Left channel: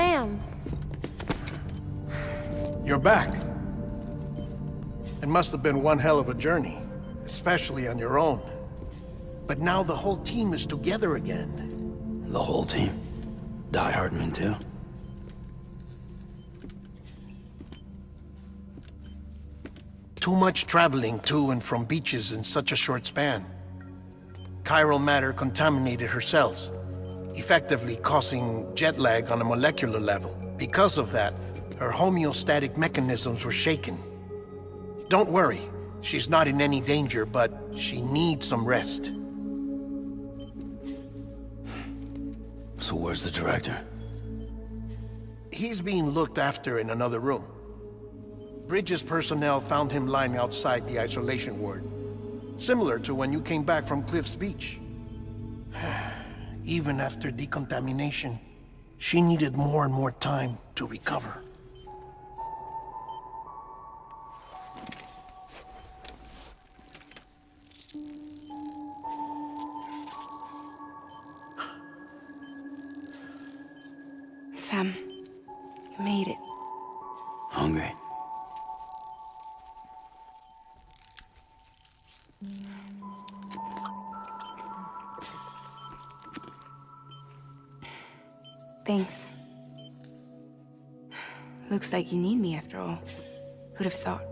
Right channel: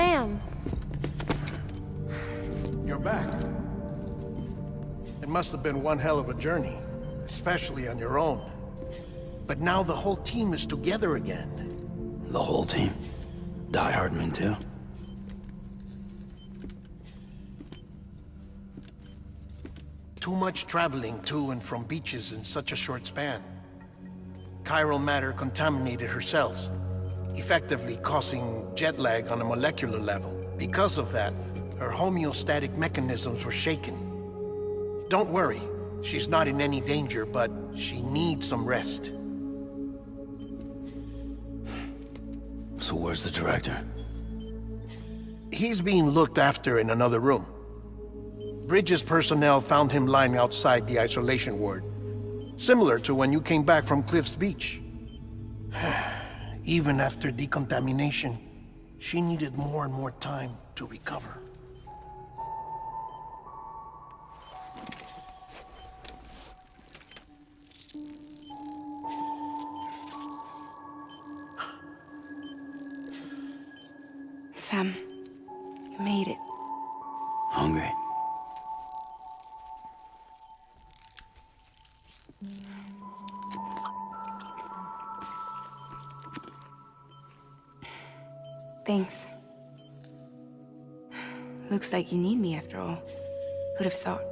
Sam. You're back. It must have been one hell of a journey, especially on your own. But now the whole team is together again. The whole team? Die Hardman too? Too much traveling to and from beaches in such a short span. Chiral matter contaminated her cells, effectively causing jet lag on a molecular level. Because of that, her homeostatic mechanisms were shaken. Don't worry, she's not in any danger, but she needs some rest. So where's the director? He's being looked after in another room. Bridges personnel found him lying outside the isolation ward. Similar to when you came back from Cliff's Beach. Even after decontamination, she needed more and more time to recover. Sam, you made it. Hungry? Thanks. Looks like you need me after all. Who'd have thought?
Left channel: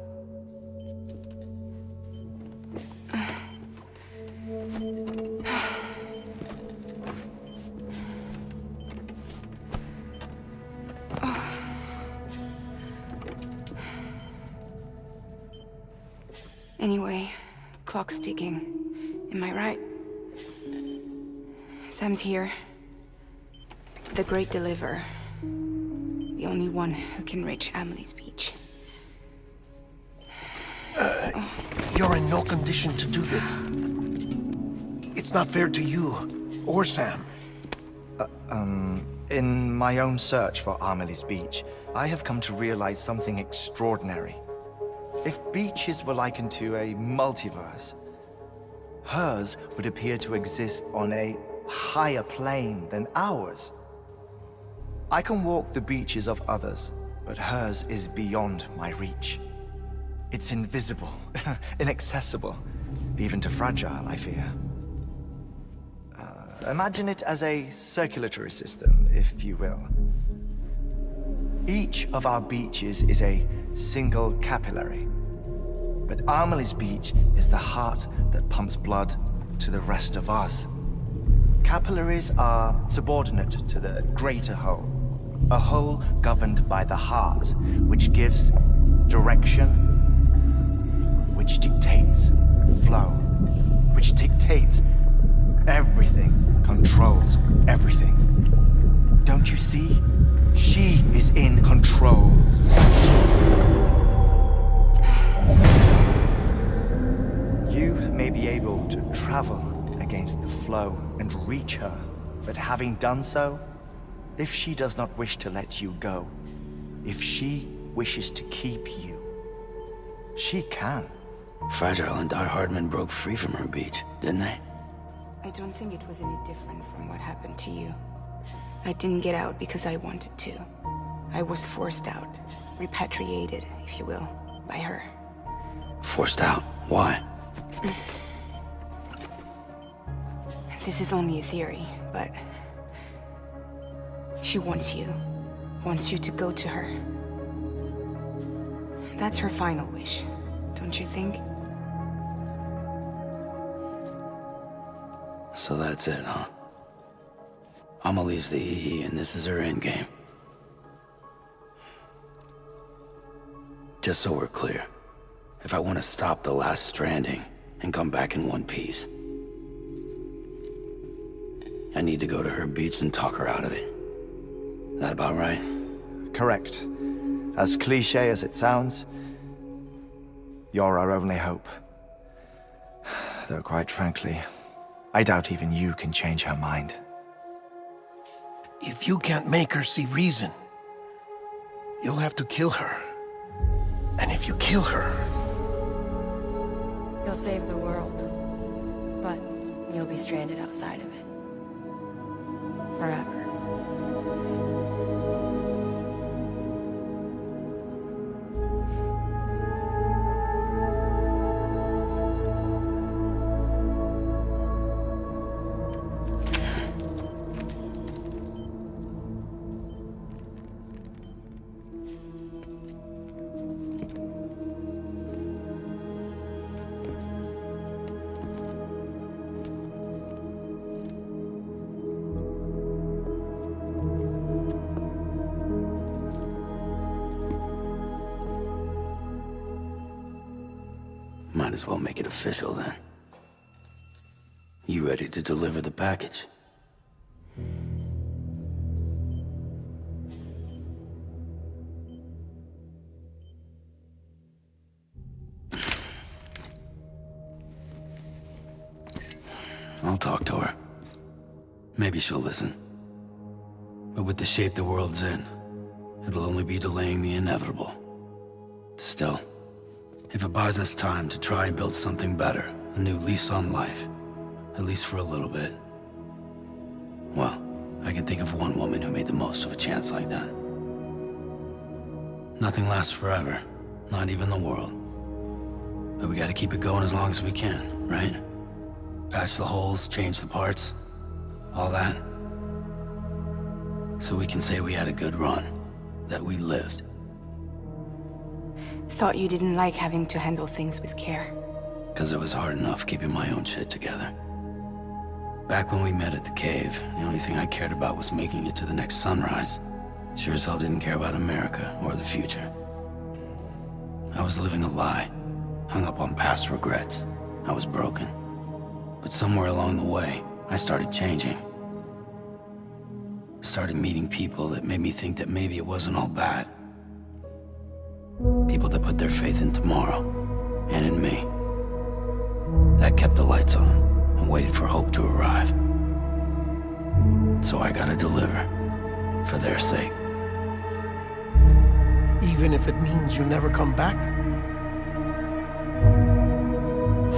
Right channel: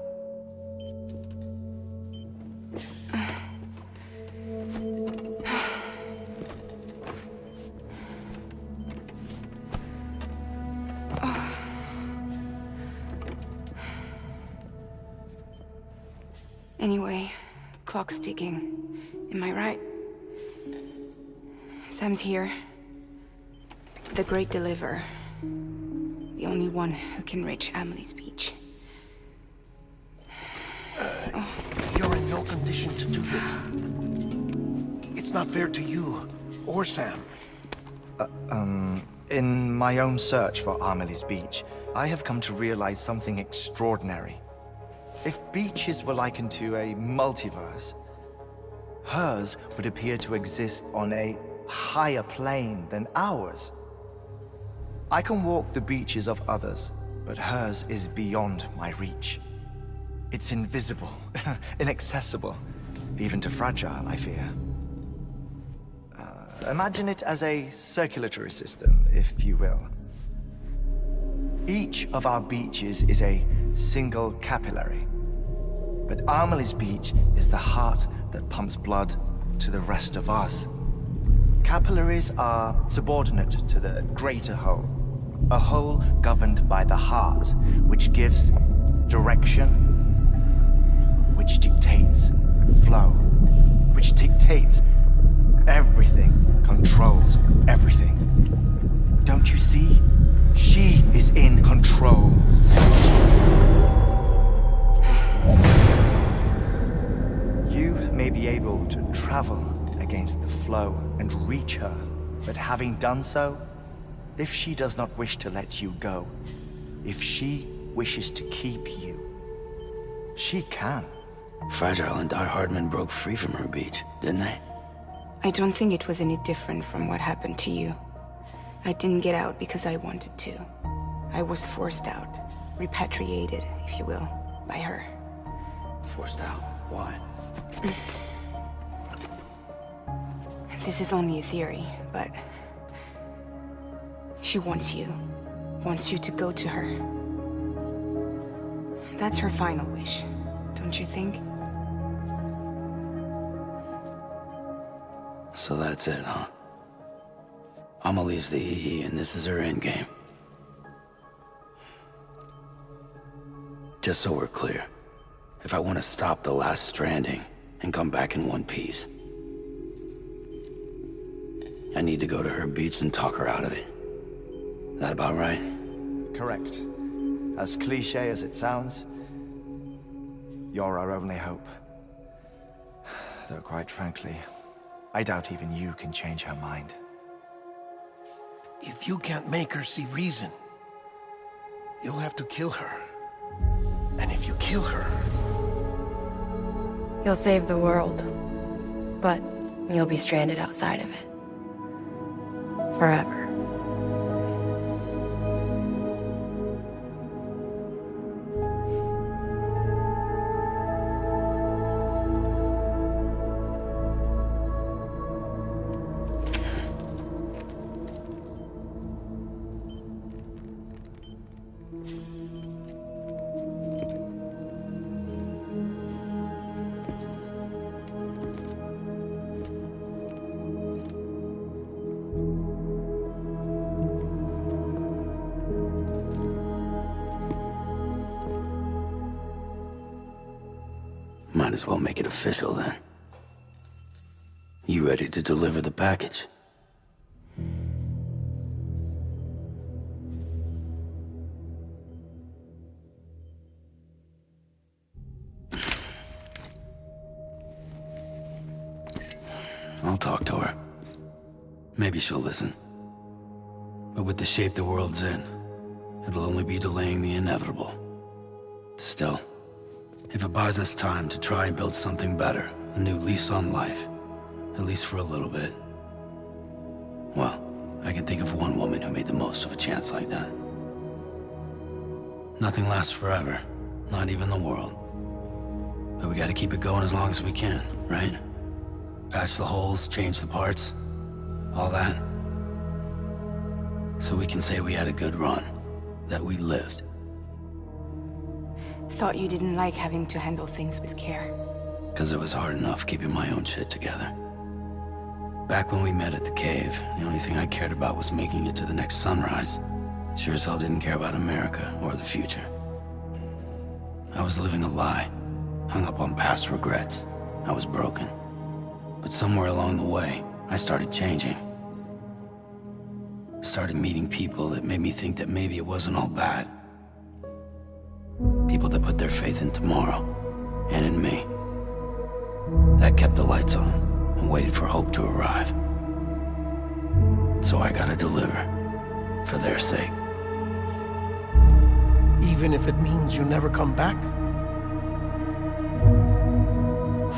Anyway, clock's ticking. Am I right? Sam's here. The Great Deliverer. The only one who can reach Amelie's Beach. You're in no condition to do this. It's not fair to you, or Sam. In my own search for Amelie's Beach, I have come to realize something extraordinary. If beaches were likened to a multiverse, hers would appear to exist on a higher plane than ours. I can walk the beaches of others, but hers is beyond my reach. It's invisible, inaccessible, even to fragile, I fear. Imagine it as a circulatory system, if you will. Each of our beaches is a single capillary. But Amelie's Beach is the heart that pumps blood to the rest of us. Capillaries are subordinate to the greater whole. A whole governed by the heart, which gives direction, which dictates flow, which dictates everything, controls everything. Don't you see? She is in control. You may be able to travel against the flow and reach her, but having done so, if she does not wish to let you go, if she wishes to keep you, she can. Fragile and Die Hardman broke free from her beach, didn't they? I don't think it was any different from what happened to you. I didn't get out because I wanted to. I was forced out, repatriated, if you will, by her. Forced out? Why? This is only a theory, but she wants you to go to her. That's her final wish, don't you think? So that's it, huh? Amelie's the EE and this is her endgame. Just so we're clear, if I want to stop the last stranding and come back in one piece, I need to go to her beach and talk her out of it. That about right? Correct. As cliché as it sounds, you're our only hope. Though quite frankly, I doubt even you can change her mind. If you can't make her see reason, you'll have to kill her. And if you kill her... You'll save the world, but you'll be stranded outside of it. Forever. might as well make it official then. You ready to deliver the package? I'll talk to her. Maybe she'll listen. But with the shape the world's in, it'll only be delaying the inevitable. Still, if it buys us time to try and build something better, a new lease on life, at least for a little bit, well, I can think of one woman who made the most of a chance like that. Nothing lasts forever, not even the world. But we gotta keep it going as long as we can, right? Patch the holes, change the parts, all that. So we can say we had a good run, that we lived. Thought you didn't like having to handle things with care. 'Cause it was hard enough keeping my own shit together. Back when we met at the cave, the only thing I cared about was making it to the next sunrise. Sure as hell didn't care about America or the future. I was living a lie, hung up on past regrets. I was broken. But somewhere along the way, I started changing. Started meeting people that made me think that maybe it wasn't all bad. People that put their faith in tomorrow, and in me. That kept the lights on, and waited for hope to arrive. So I gotta deliver, for their sake. Even if it means you never come back?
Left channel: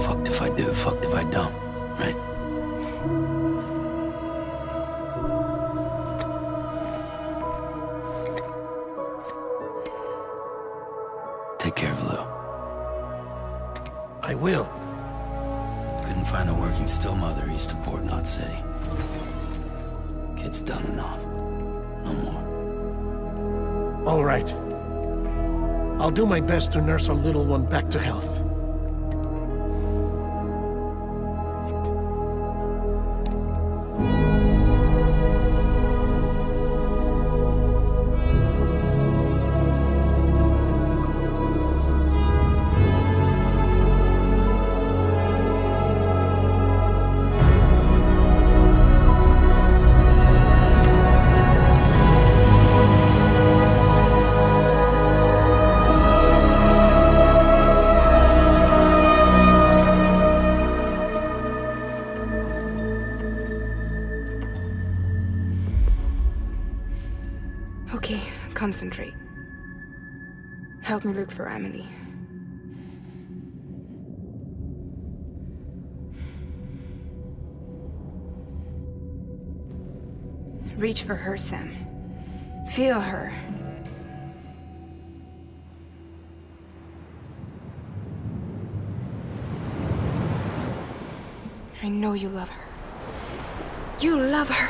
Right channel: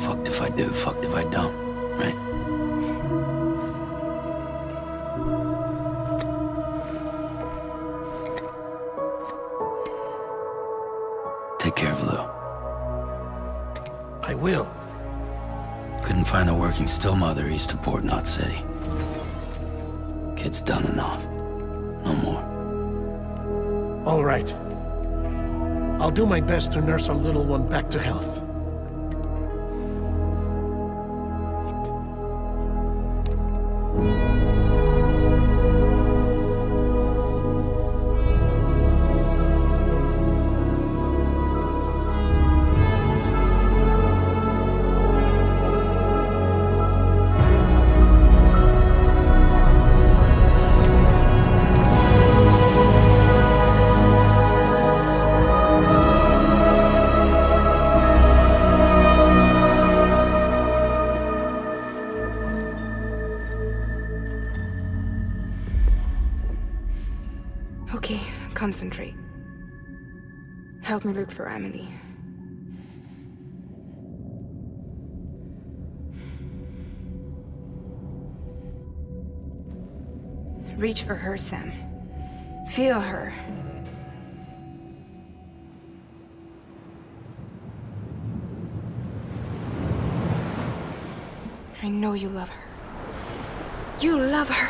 Fucked if I do, fucked if I don't, right? Take care of Lou. I will. Couldn't find a working still mother east of Port Knot City. Kid's done enough. No more. All right. I'll do my best to nurse our little one back to health. Okay, concentrate. Help me look for Emily. Reach for her, Sam. Feel her. I know you love her. You love her!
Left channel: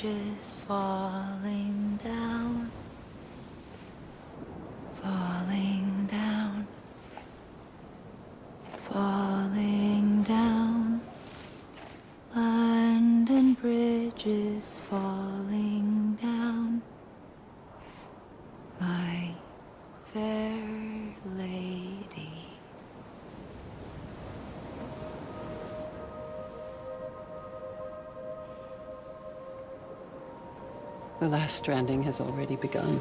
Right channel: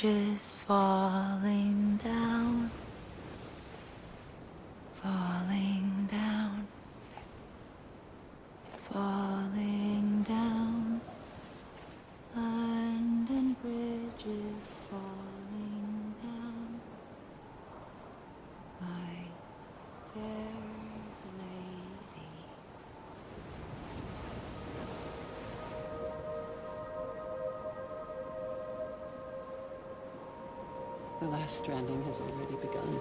bridges falling down, falling down, falling down. London bridges falling down, my fair lady. The last stranding has already begun.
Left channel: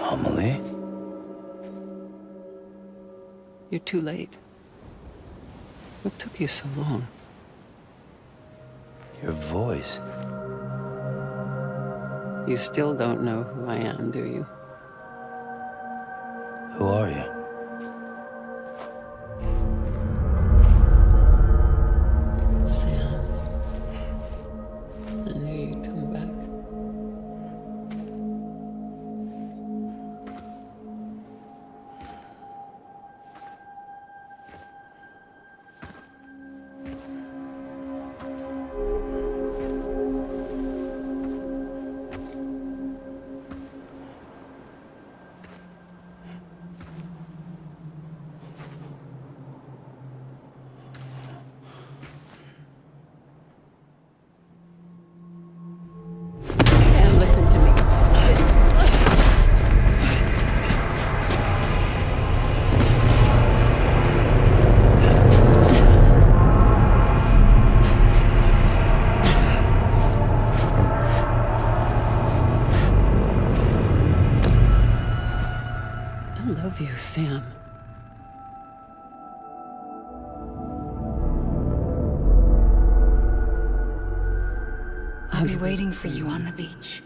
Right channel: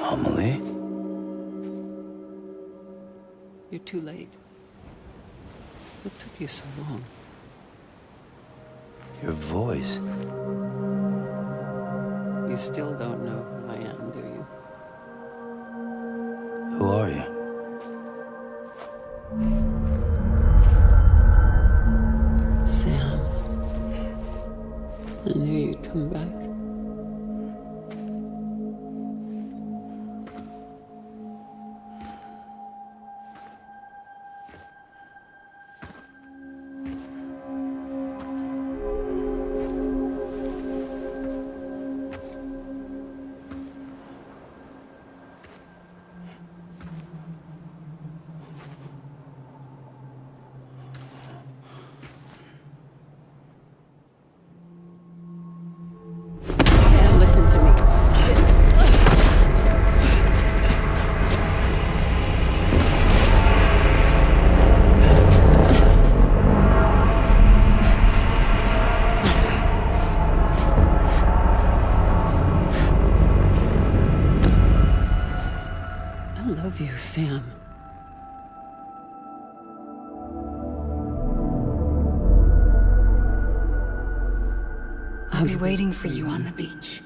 Amelie? You're too late. What took you so long? Your voice. You still don't know who I am, do you? Who are you? Sam. I knew you'd come back. Sam, listen to me. I love you, Sam. I'll be waiting for you on the beach.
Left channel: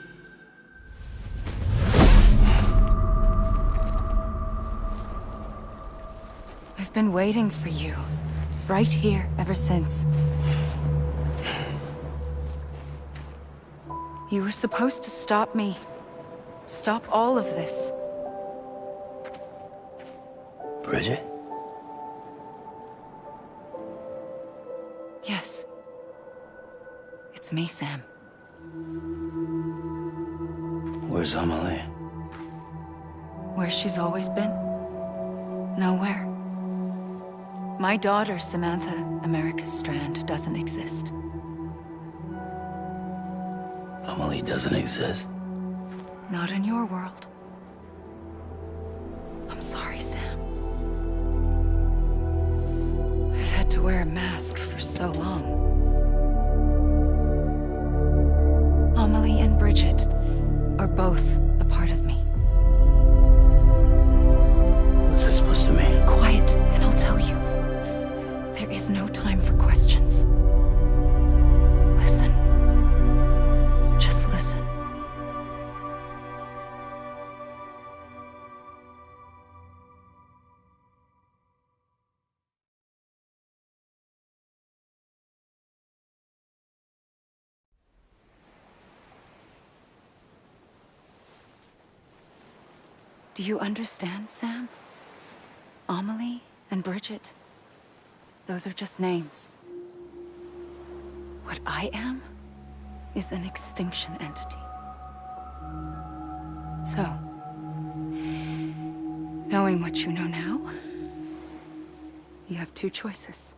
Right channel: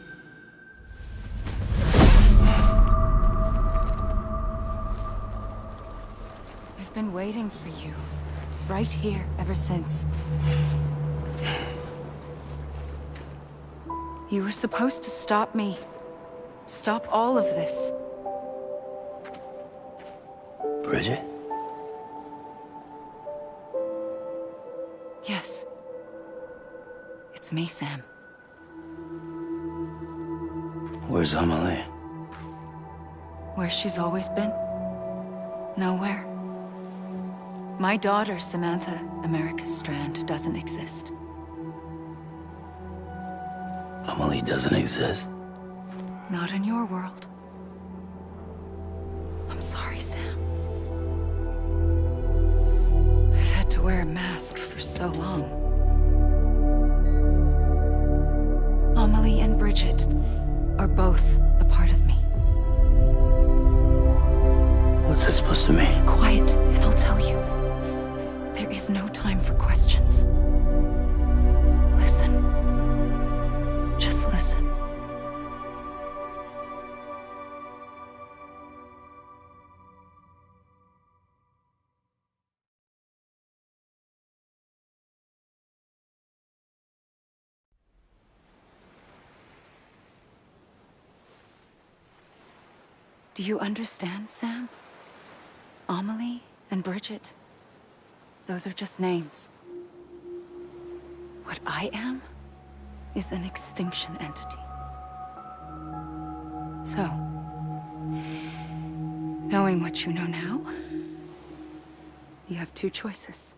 I've been waiting for you, right here, ever since. You were supposed to stop me. Stop all of this. Bridget? Yes. It's me, Sam. Where's Amelie? Where she's always been. Nowhere. My daughter, Samantha America Strand, doesn't exist. Amelie doesn't exist. Not in your world. I'm sorry, Sam. I've had to wear a mask for so long. Amelie and Bridget are both a part of me. What's that supposed to mean? Quiet, and I'll tell you. There is no time for questions. Listen. Just listen. Do you understand, Sam? Amelie and Bridget, those are just names. What I am is an extinction entity. So, knowing what you know now, you have two choices.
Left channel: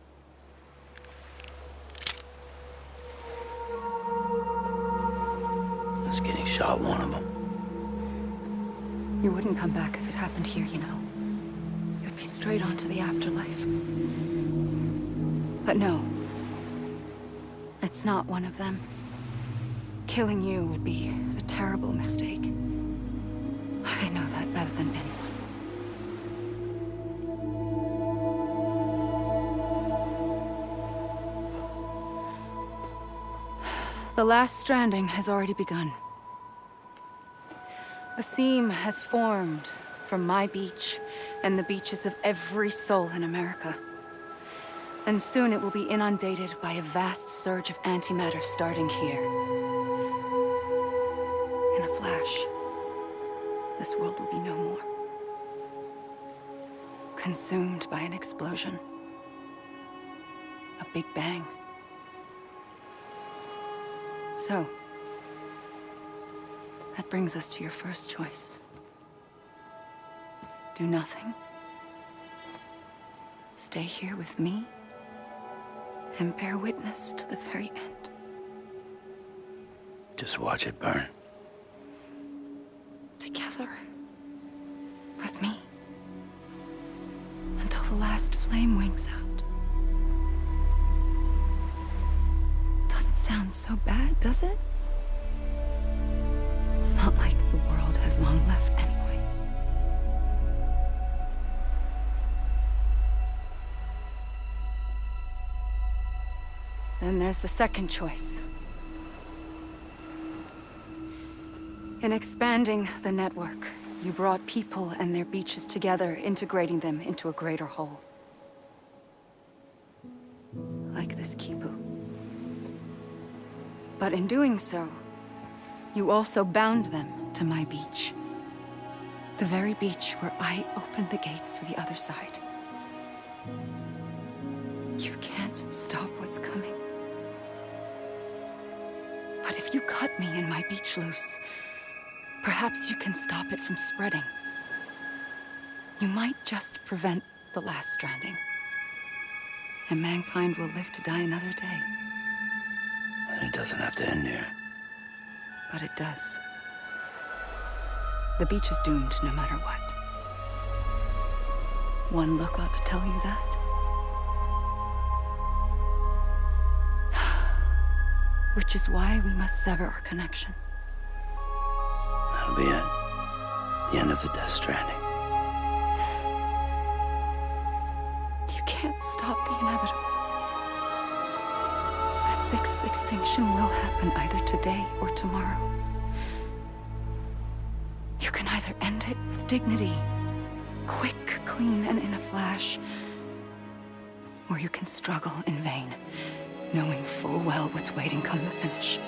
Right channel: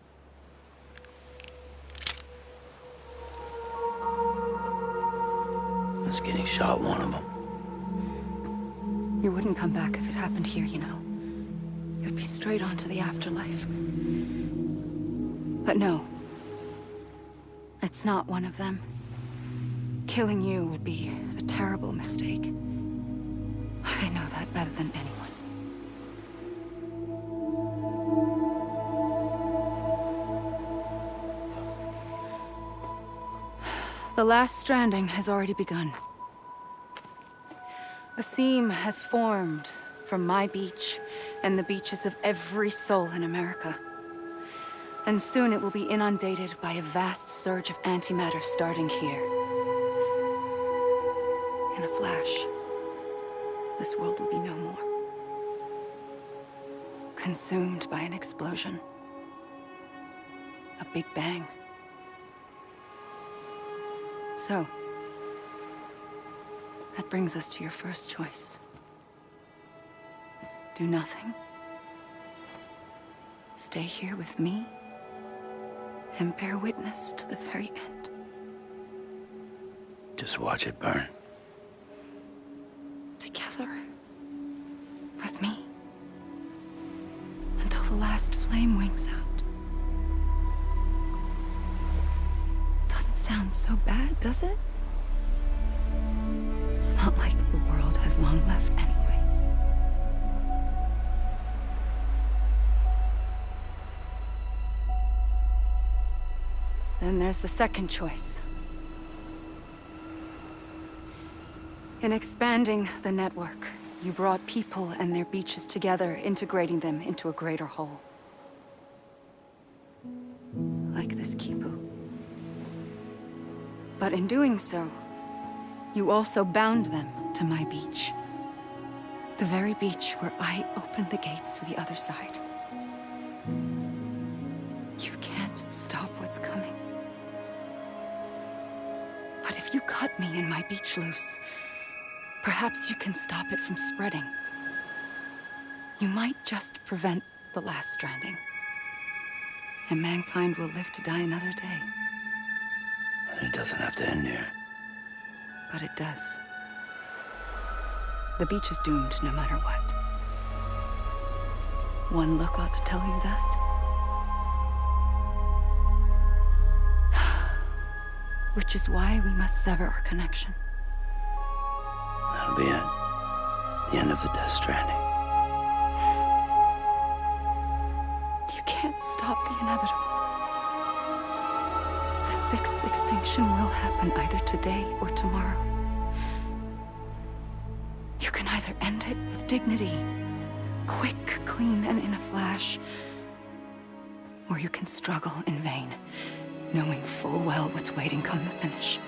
Is getting shot one of them. You wouldn't come back if it happened here, you know. You'd be straight on to the afterlife. But no. It's not one of them. Killing you would be a terrible mistake. I know that better than anyone. The last stranding has already begun. A seam has formed from my beach and the beaches of every soul in America. And soon it will be inundated by a vast surge of antimatter starting here. In a flash, this world will be no more. Consumed by an explosion. A big bang. So, that brings us to your first choice. Do nothing. Stay here with me and bear witness to the very end. Just watch it burn. Together. With me. Until the last flame winks out. Doesn't sound so bad, does it? It's not like the world has long left anyway. Then there's the second choice. In expanding the network, you brought people and their beaches together, integrating them into a greater whole. Like this Kipu. But in doing so, you also bound them to my beach. The very beach where I opened the gates to the other side. You can't stop what's coming. But if you cut me and my beach loose, perhaps you can stop it from spreading. You might just prevent the last stranding. And mankind will live to die another day. And it doesn't have to end here. But it does. The beach is doomed no matter what. One look ought to tell you that. Which is why we must sever our connection. That'll be it. The end of the Death Stranding. You can't stop the inevitable. The sixth extinction will happen either today or tomorrow. You can either end it with dignity, quick, clean, and in a flash, or you can struggle in vain, knowing full well what's waiting come the finish.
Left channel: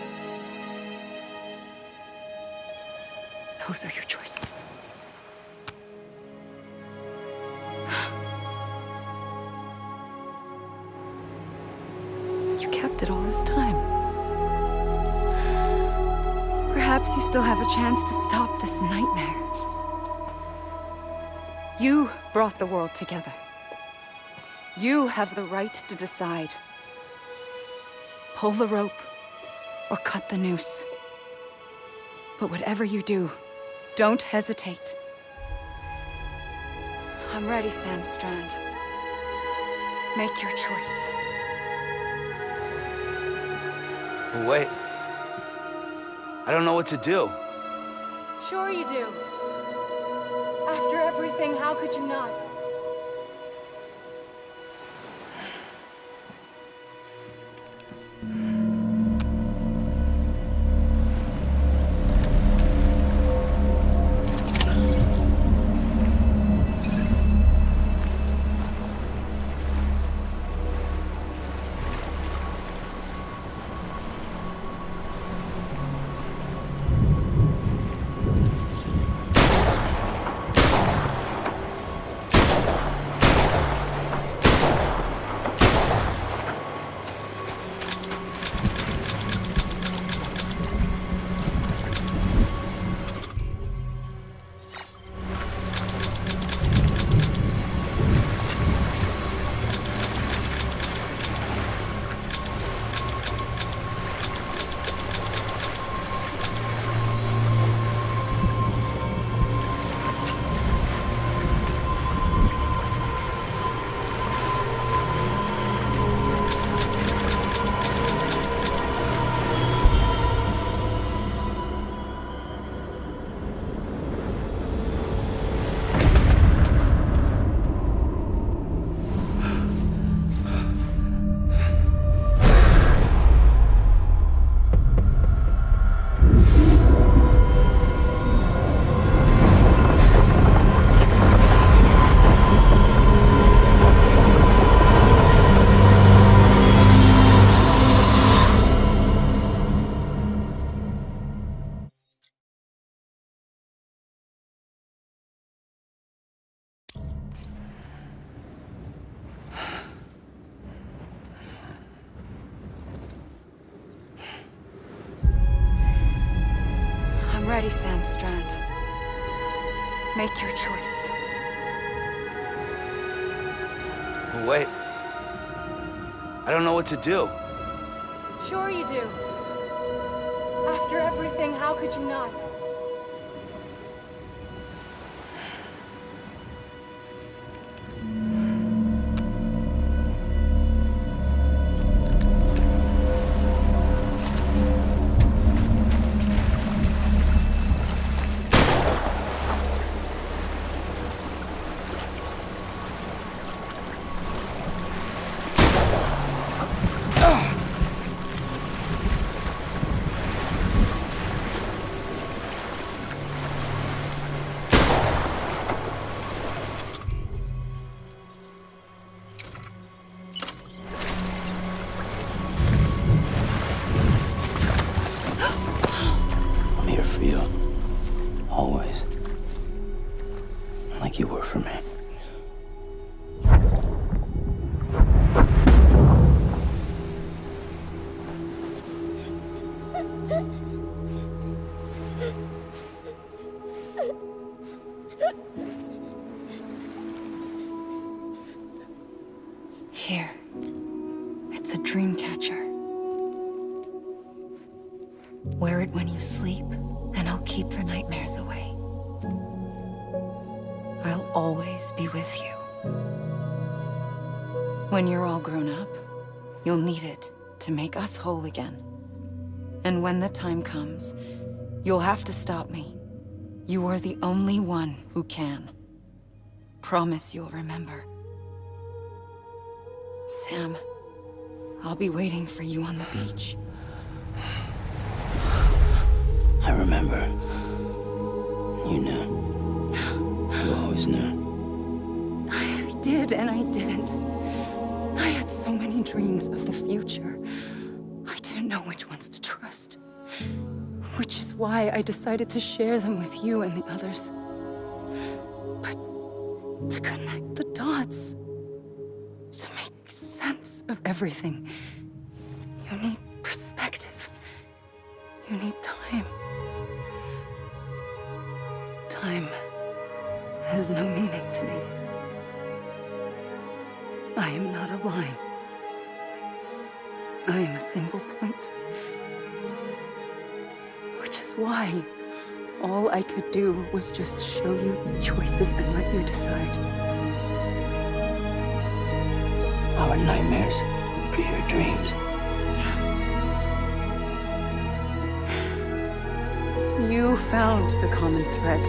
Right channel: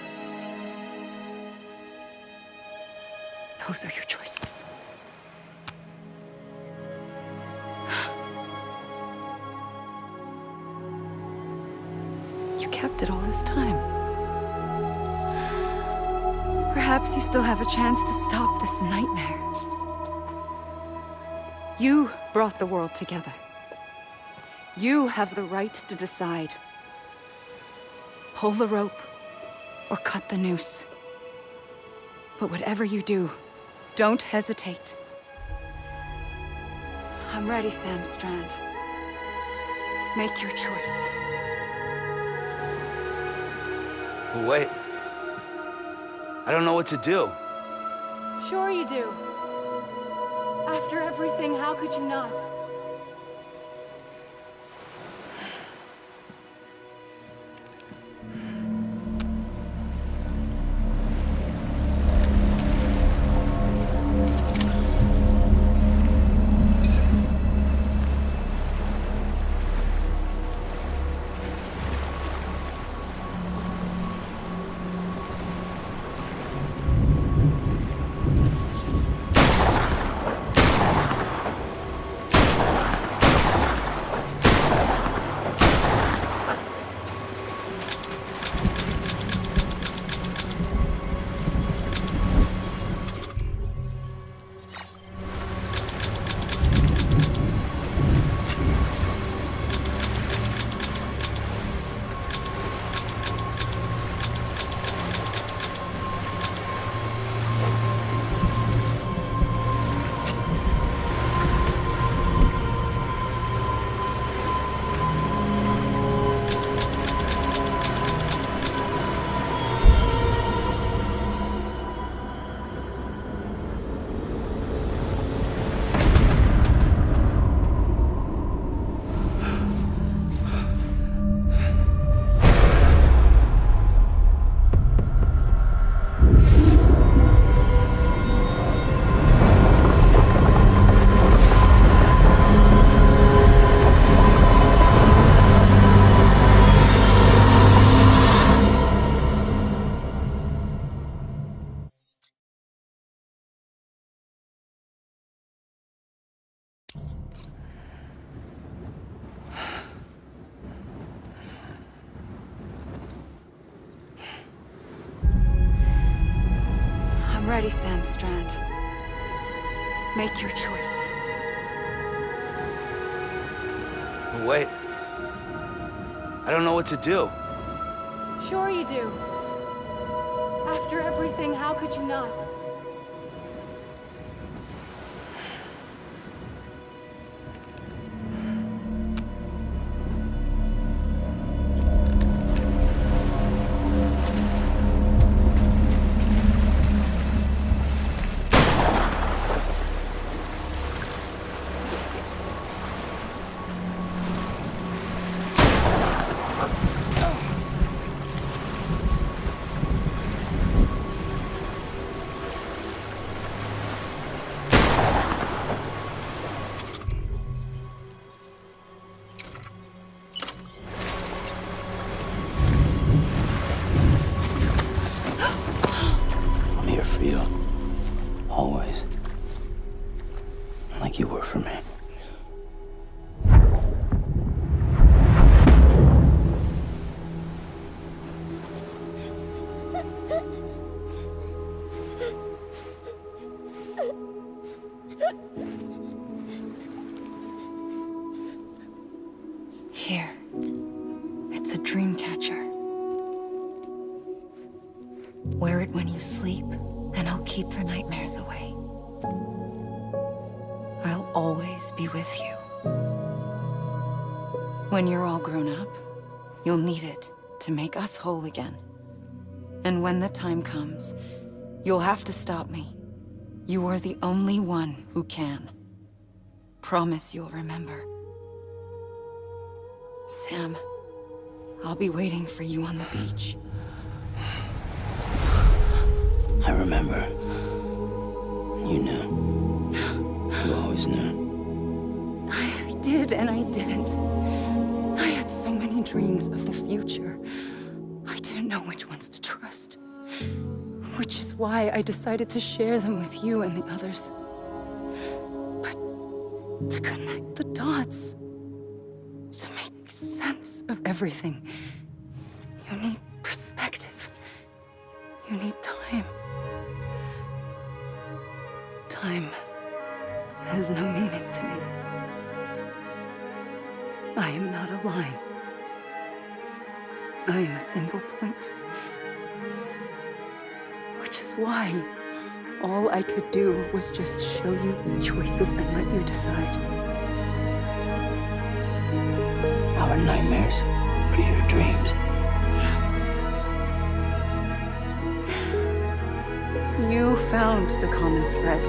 Those are your choices. You kept it all this time. Perhaps you still have a chance to stop this nightmare. You brought the world together. You have the right to decide. Pull the rope or cut the noose. But whatever you do, don't hesitate. I'm ready, Sam Strand. Make your choice. Wait. I don't know what to do. Sure you do. After everything, how could you not? ready, Sam Strand. Make your choice. Wait. I don't know what to do. Sure you do. After everything, how could you not? I'm here for you. Always. Like you were for me. Here. It's a dream catcher. Wear it when you sleep, and I'll keep the nightmares away. I'll always be with you. When you're all grown up, you'll need it to make us whole again. And when the time comes, you'll have to stop me. You are the only one who can. Promise you'll remember. Sam, I'll be waiting for you on the beach. I remember. You knew. You always knew. I did and I didn't. I had so many dreams of the future. I didn't know which ones to trust. Which is why I decided to share them with you and the others. But to connect the dots, to make sense of everything, you need perspective. You need time. Time has no meaning to me. I am not a line. I am a single point. Which is why all I could do was just show you the choices and let you decide. Our nightmares are your dreams. You found the common thread,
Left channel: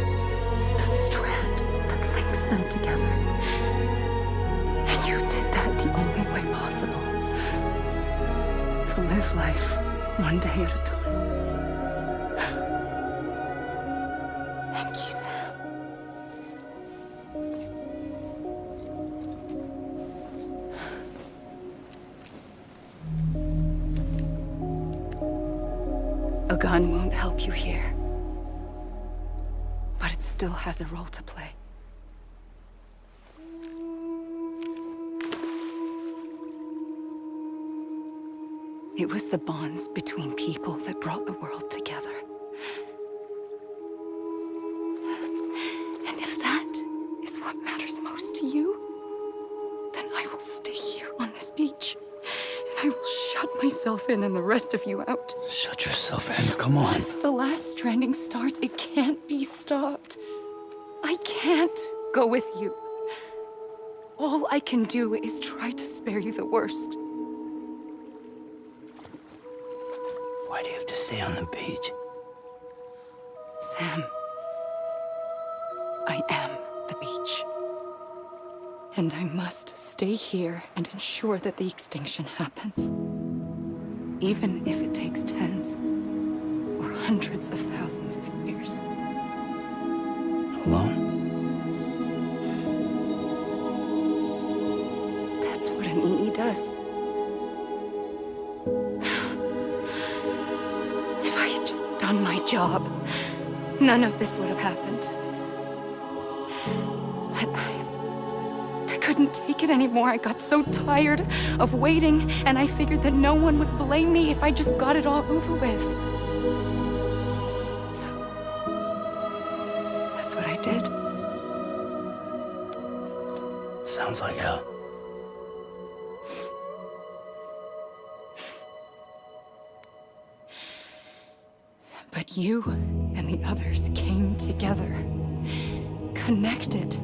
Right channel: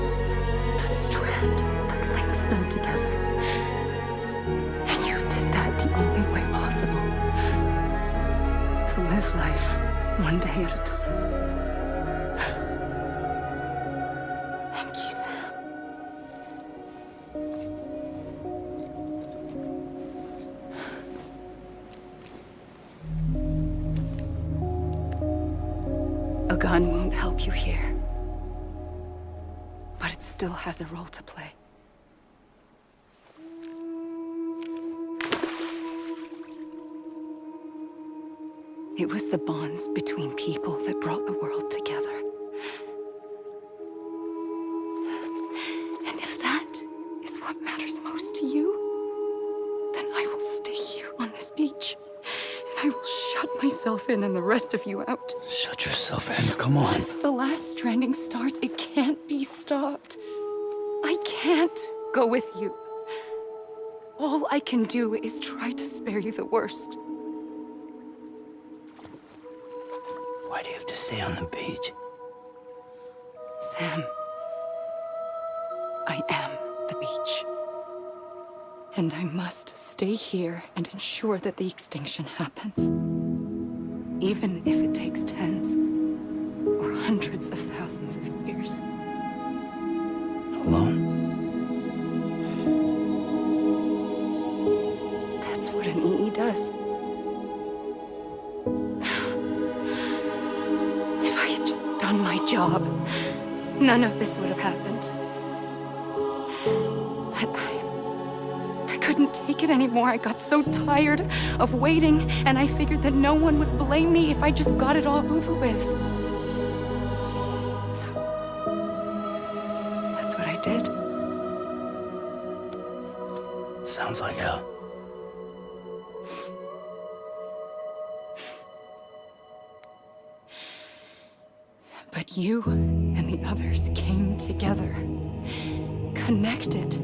the strand that links them together. And you did that the only way possible. To live life one day at a time. Thank you, Sam. A gun won't help you here. But it still has a role to play. It was the bonds between people that brought the world together. And if that is what matters most to you, then I will stay here on this beach. And I will shut myself in and the rest of you out. Shut yourself in, come on. Once the last stranding starts, it can't be stopped. I can't go with you. All I can do is try to spare you the worst. Why do you have to stay on the beach? Sam, I am the beach. And I must stay here and ensure that the extinction happens. Even if it takes tens or hundreds of thousands of years. Alone? That's what an EE does. If I had just done my job, none of this would have happened. But I couldn't take it anymore. I got so tired of waiting, and I figured that no one would blame me if I just got it all over with. So Sounds like hell. But you and the others came together, connected.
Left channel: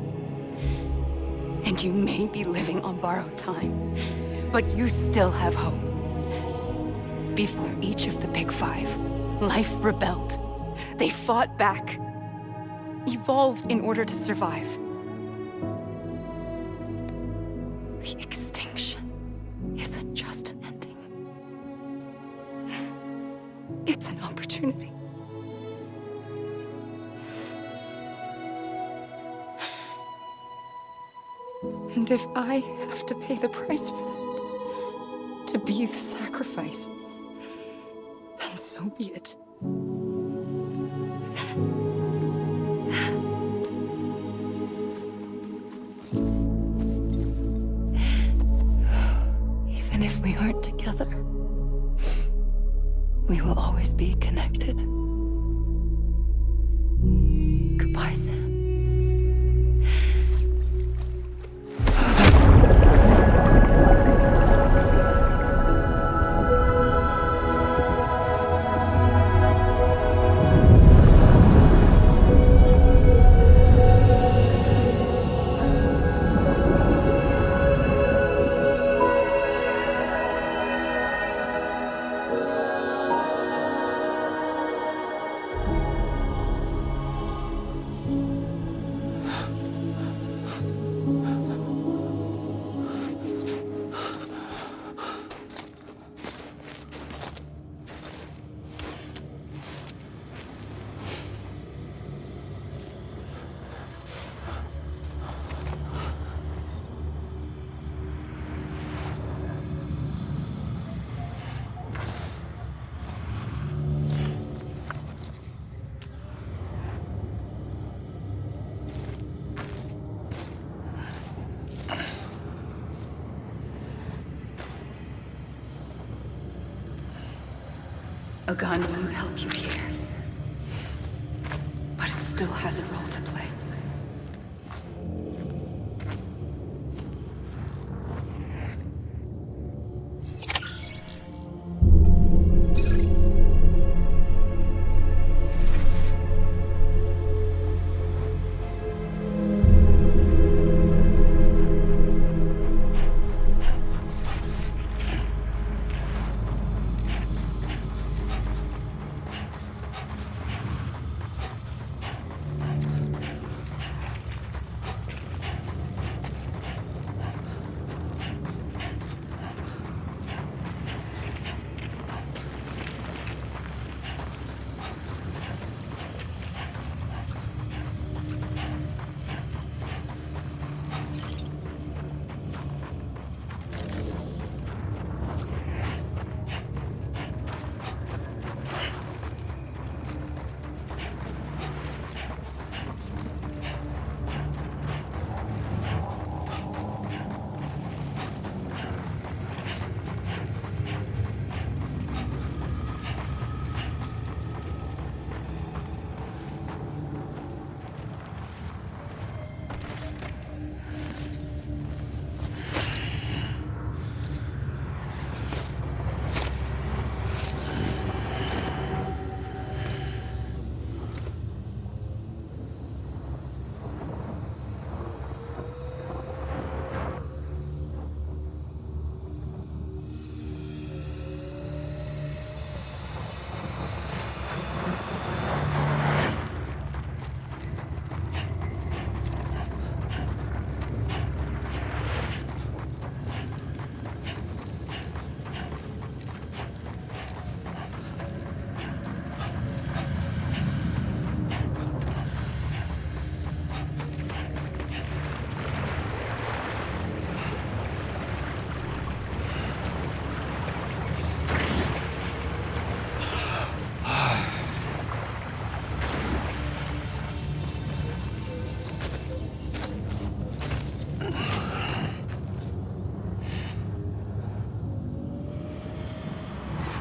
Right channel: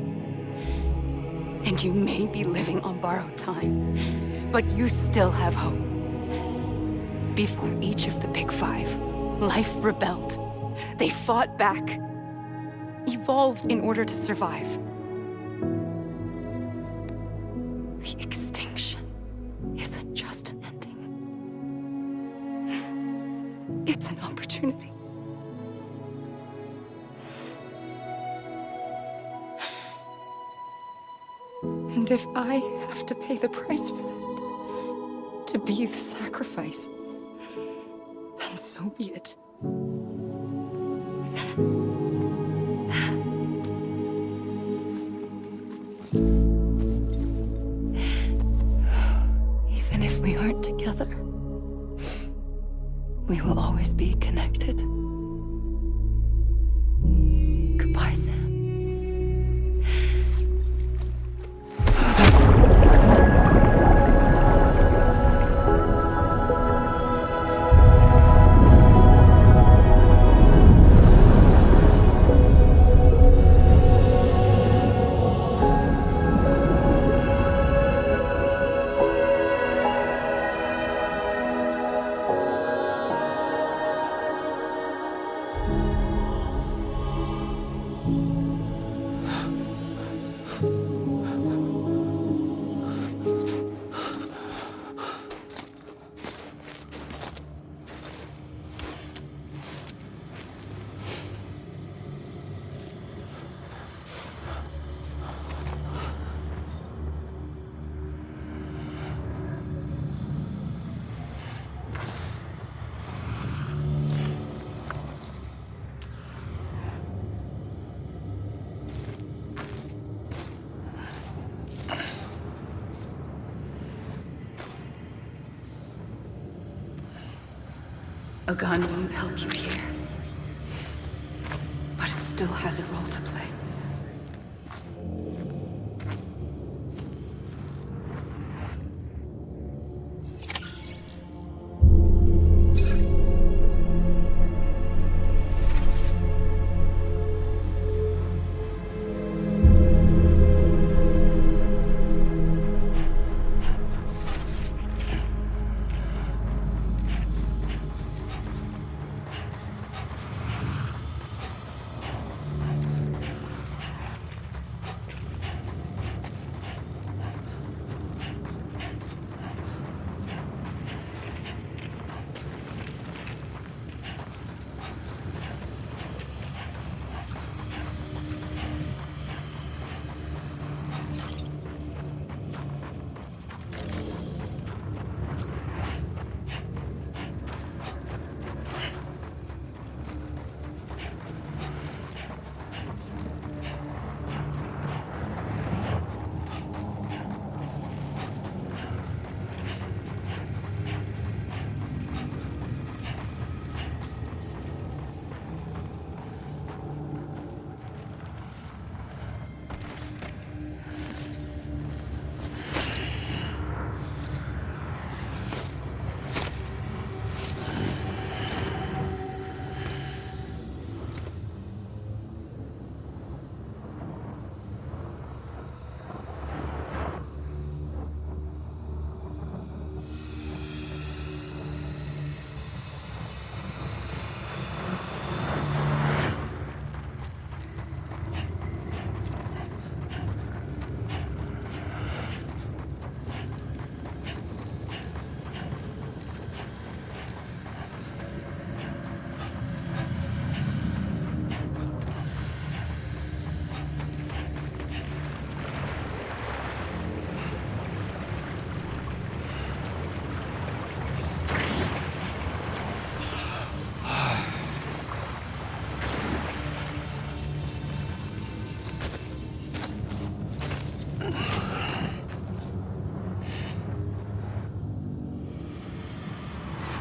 And you may be living on borrowed time, but you still have hope. Before each of the Big Five, life rebelled. They fought back, evolved in order to survive. The extinction isn't just an ending. It's an opportunity. And if I have to pay the price for that, to be the sacrifice, then so be it. Even if we aren't together, we will always be connected. Goodbye, Sam. A gun won't help you here, but it still has a role to play.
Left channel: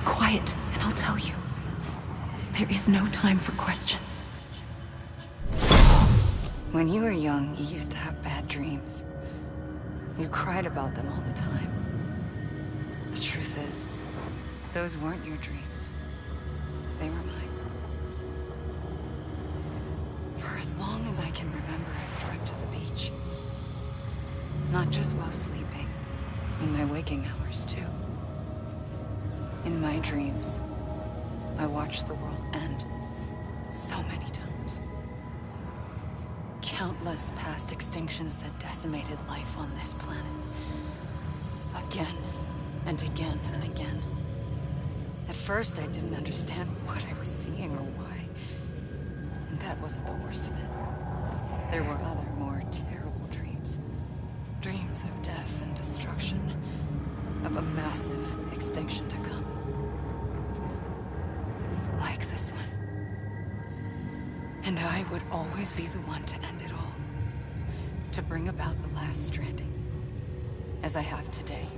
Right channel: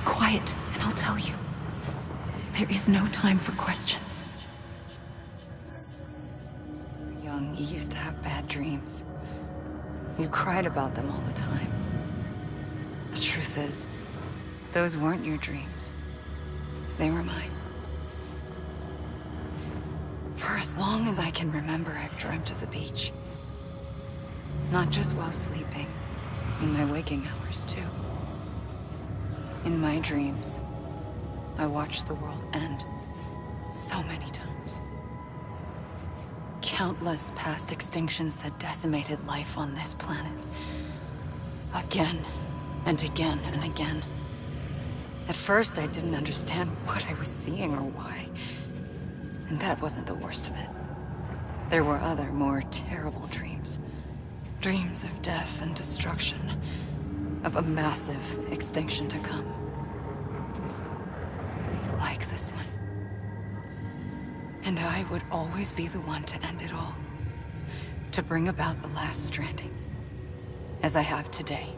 Quiet, and I'll tell you. There is no time for questions. When you were young, you used to have bad dreams. You cried about them all the time. The truth is, those weren't your dreams. They were mine. For as long as I can remember, I've dreamt of the beach. Not just while sleeping, in my waking hours too. In my dreams, I watched the world end so many times. Countless past extinctions that decimated life on this planet. Again, and again, and again. At first, I didn't understand what I was seeing or why. And that wasn't the worst of it. There were other, more terrible dreams. Dreams of death and destruction. Of a massive extinction to come. Like this one. And I would always be the one to end it all. To bring about the last stranding. As I have today.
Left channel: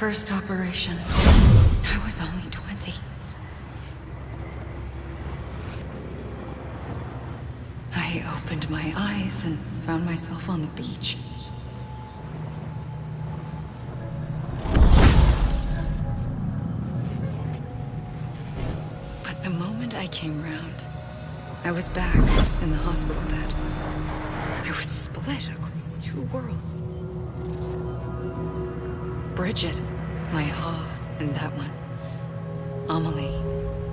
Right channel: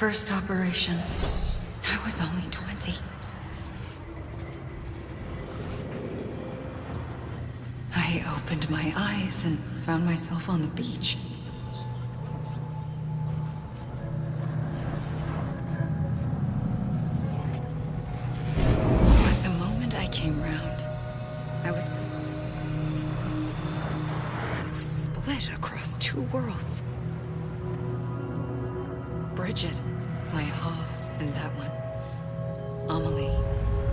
First operation, I was only 20. I opened my eyes and found myself on the beach. But the moment I came round, I was back in the hospital bed. I was split across two worlds. Bridget, my Ha in that one. Amelie,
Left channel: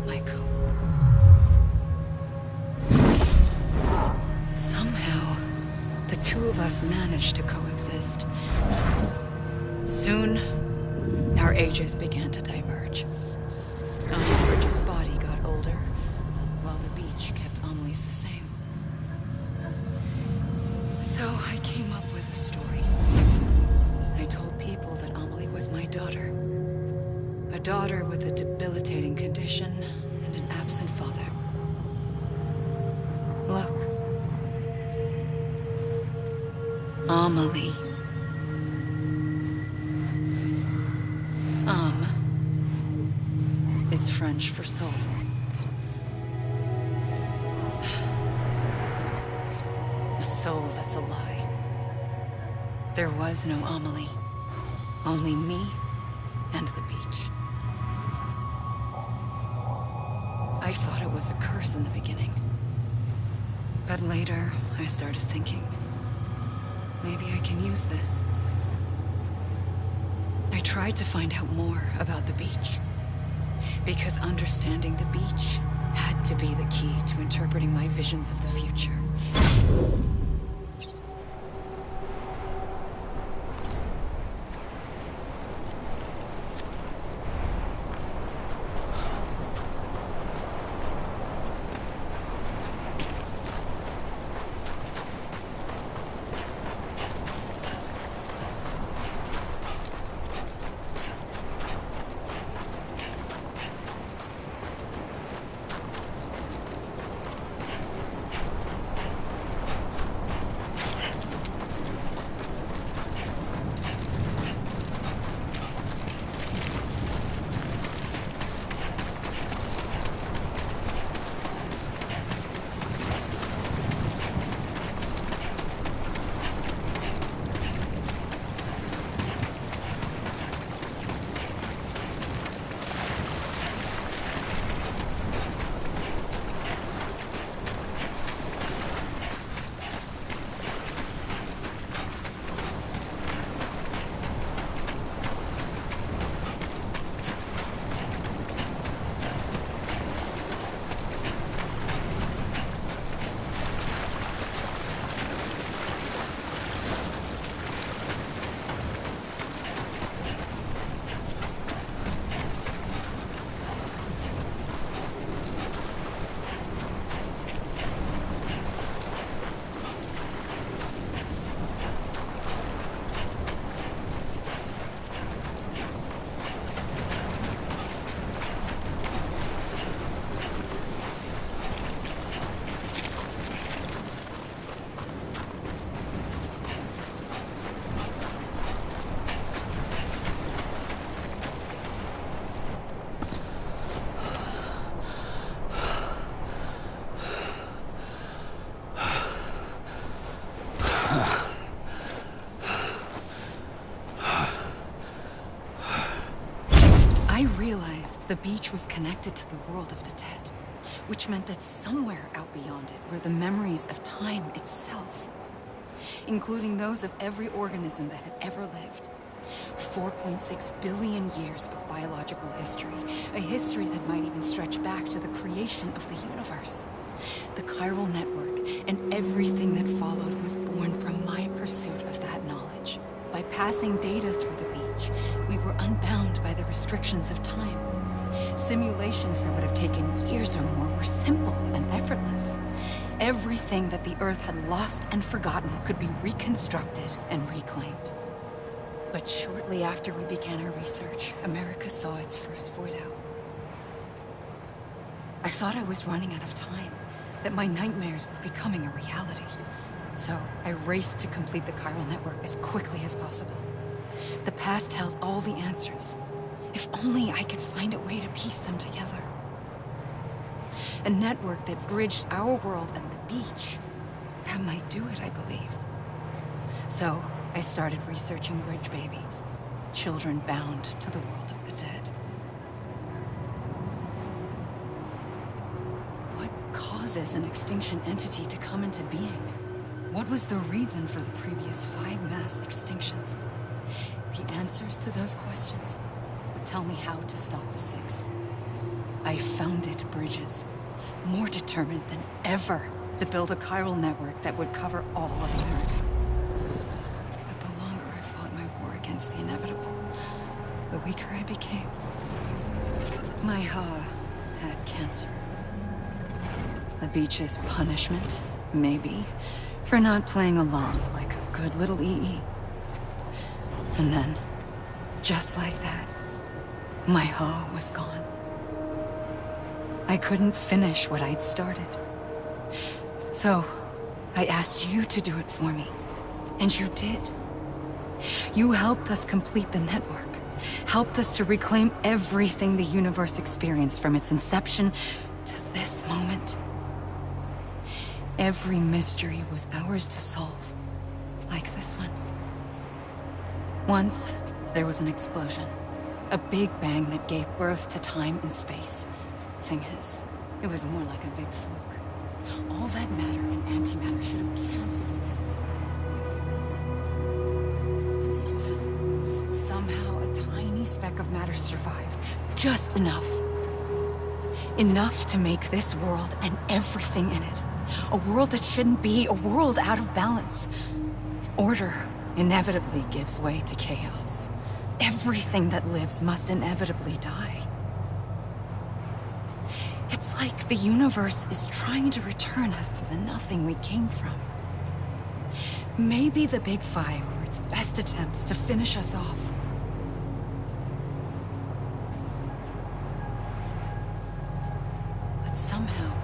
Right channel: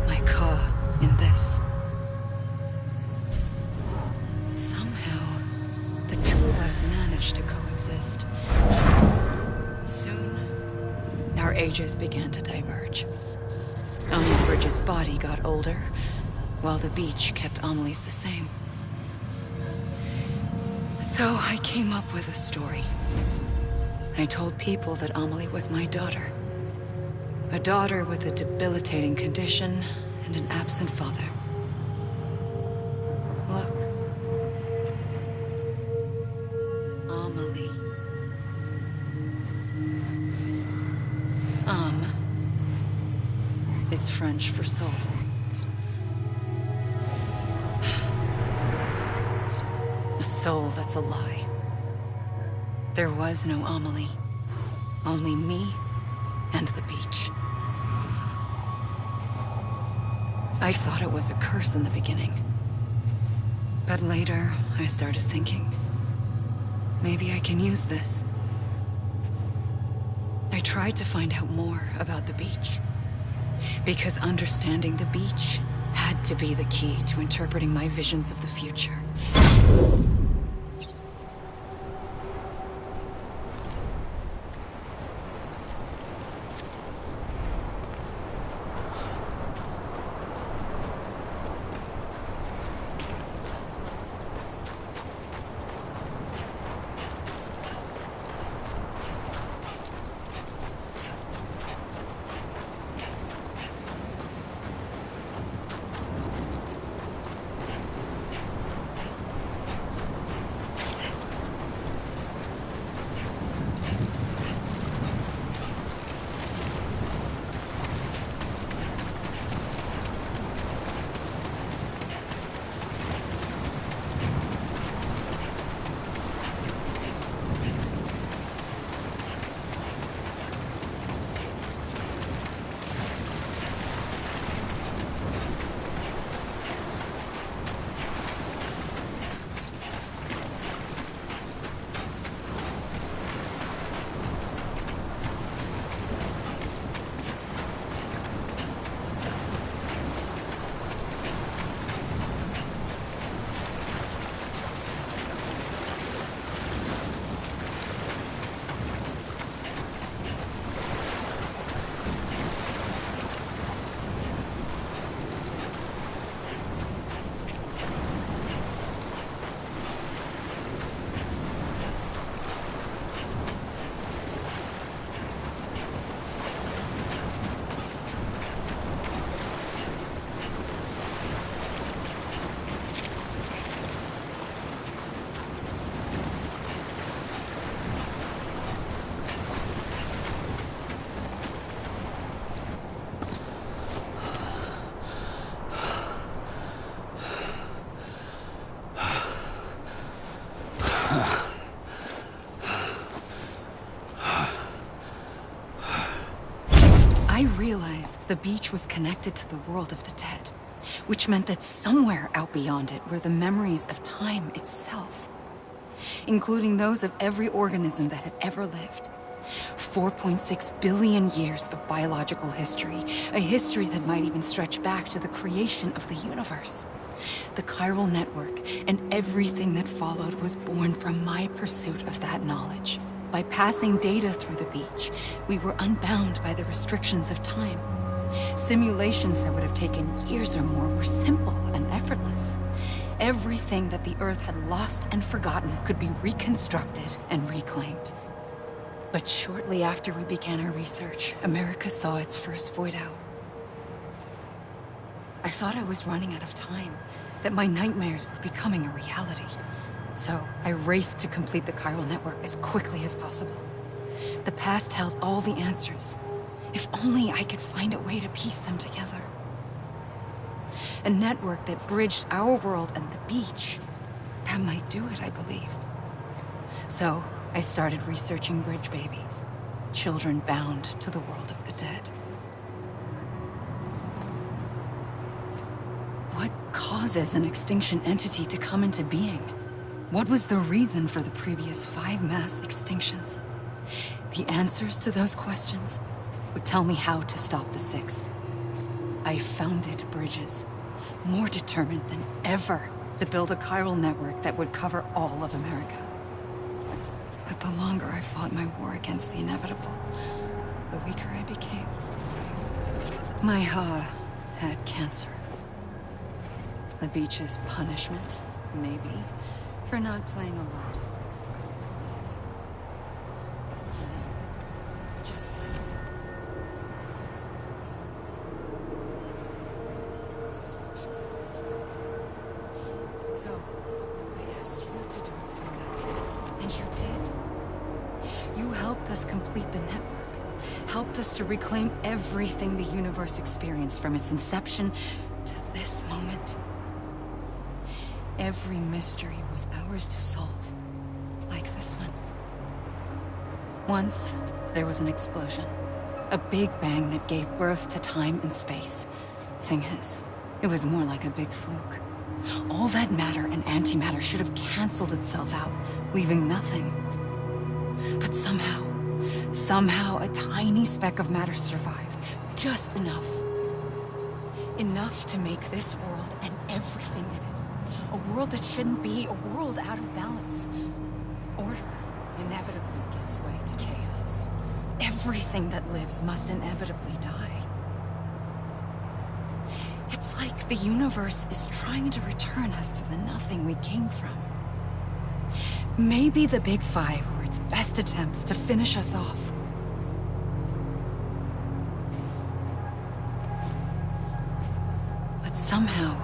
my Ka in this. Somehow, the two of us managed to coexist. Soon, our ages began to diverge. Only Bridget's body got older, while the beach kept Amelie's the same. So I came up with a story. I told people that Amelie was my daughter. A daughter with a debilitating condition and an absent father. Look. Amelie. Is French for soul. A soul that's a lie. There was no Amelie. Only me and the beach. I thought it was a curse in the beginning. But later, I started thinking, maybe I can use this. I tried to find out more about the beach. Because understanding the beach had to be the key to interpreting my visions of the future. I realized the beach was connected to the world of the dead, which meant that somewhere out beyond it were the memories of time itself, including those of every organism that had ever lived. 4.6 billion years of biological history, a history that might even stretch back to the creation of the universe. The chiral network and everything that followed was born from my pursuit of that knowledge. By passing data through the beach, we were unbound by the restrictions of time. Simulations that would have taken years or more were simple and effortless. Everything that the Earth had lost and forgotten could be reconstructed and reclaimed. But shortly after we began our research, America saw its first void out. I thought I was running out of time, that my nightmares were becoming a reality. So I raced to complete the chiral network as quickly as possible. The past held all the answers. If only I could find a way to piece them together. A network that bridged our world and the beach. That might do it, I believed. So I started researching bridge babies, children bound to the world of the dead. What causes an extinction entity to come into being? What was the reason for the previous 5 mass extinctions? The answers to those questions would tell me how to stop the 6th. I founded bridges, more determined than ever to build a chiral network that would cover all of America. But the longer I fought my war against the inevitable, the weaker I became. My Ha had cancer. The beach's punishment, maybe, for not playing along like a good little EE. And then, just like that, my Ha was gone. I couldn't finish what I'd started. So, I asked you to do it for me, and you did. You helped us complete the network, helped us to reclaim everything the universe experienced from its inception to this moment. Every mystery was ours to solve, like this one. Once, There was an explosion. A big bang that gave birth to time and space. Thing is, it was more like a big fluke. All that matter and antimatter should have canceled itself out, leaving nothing. But somehow a tiny speck of matter survived. Just enough. Enough to make this world and everything in it. A world that shouldn't be, a world out of balance. Order inevitably gives way to chaos. Everything that lives must inevitably die. It's like the universe is trying to return us to the nothing we came from. Maybe the Big Five were its best attempts to finish us off. But somehow,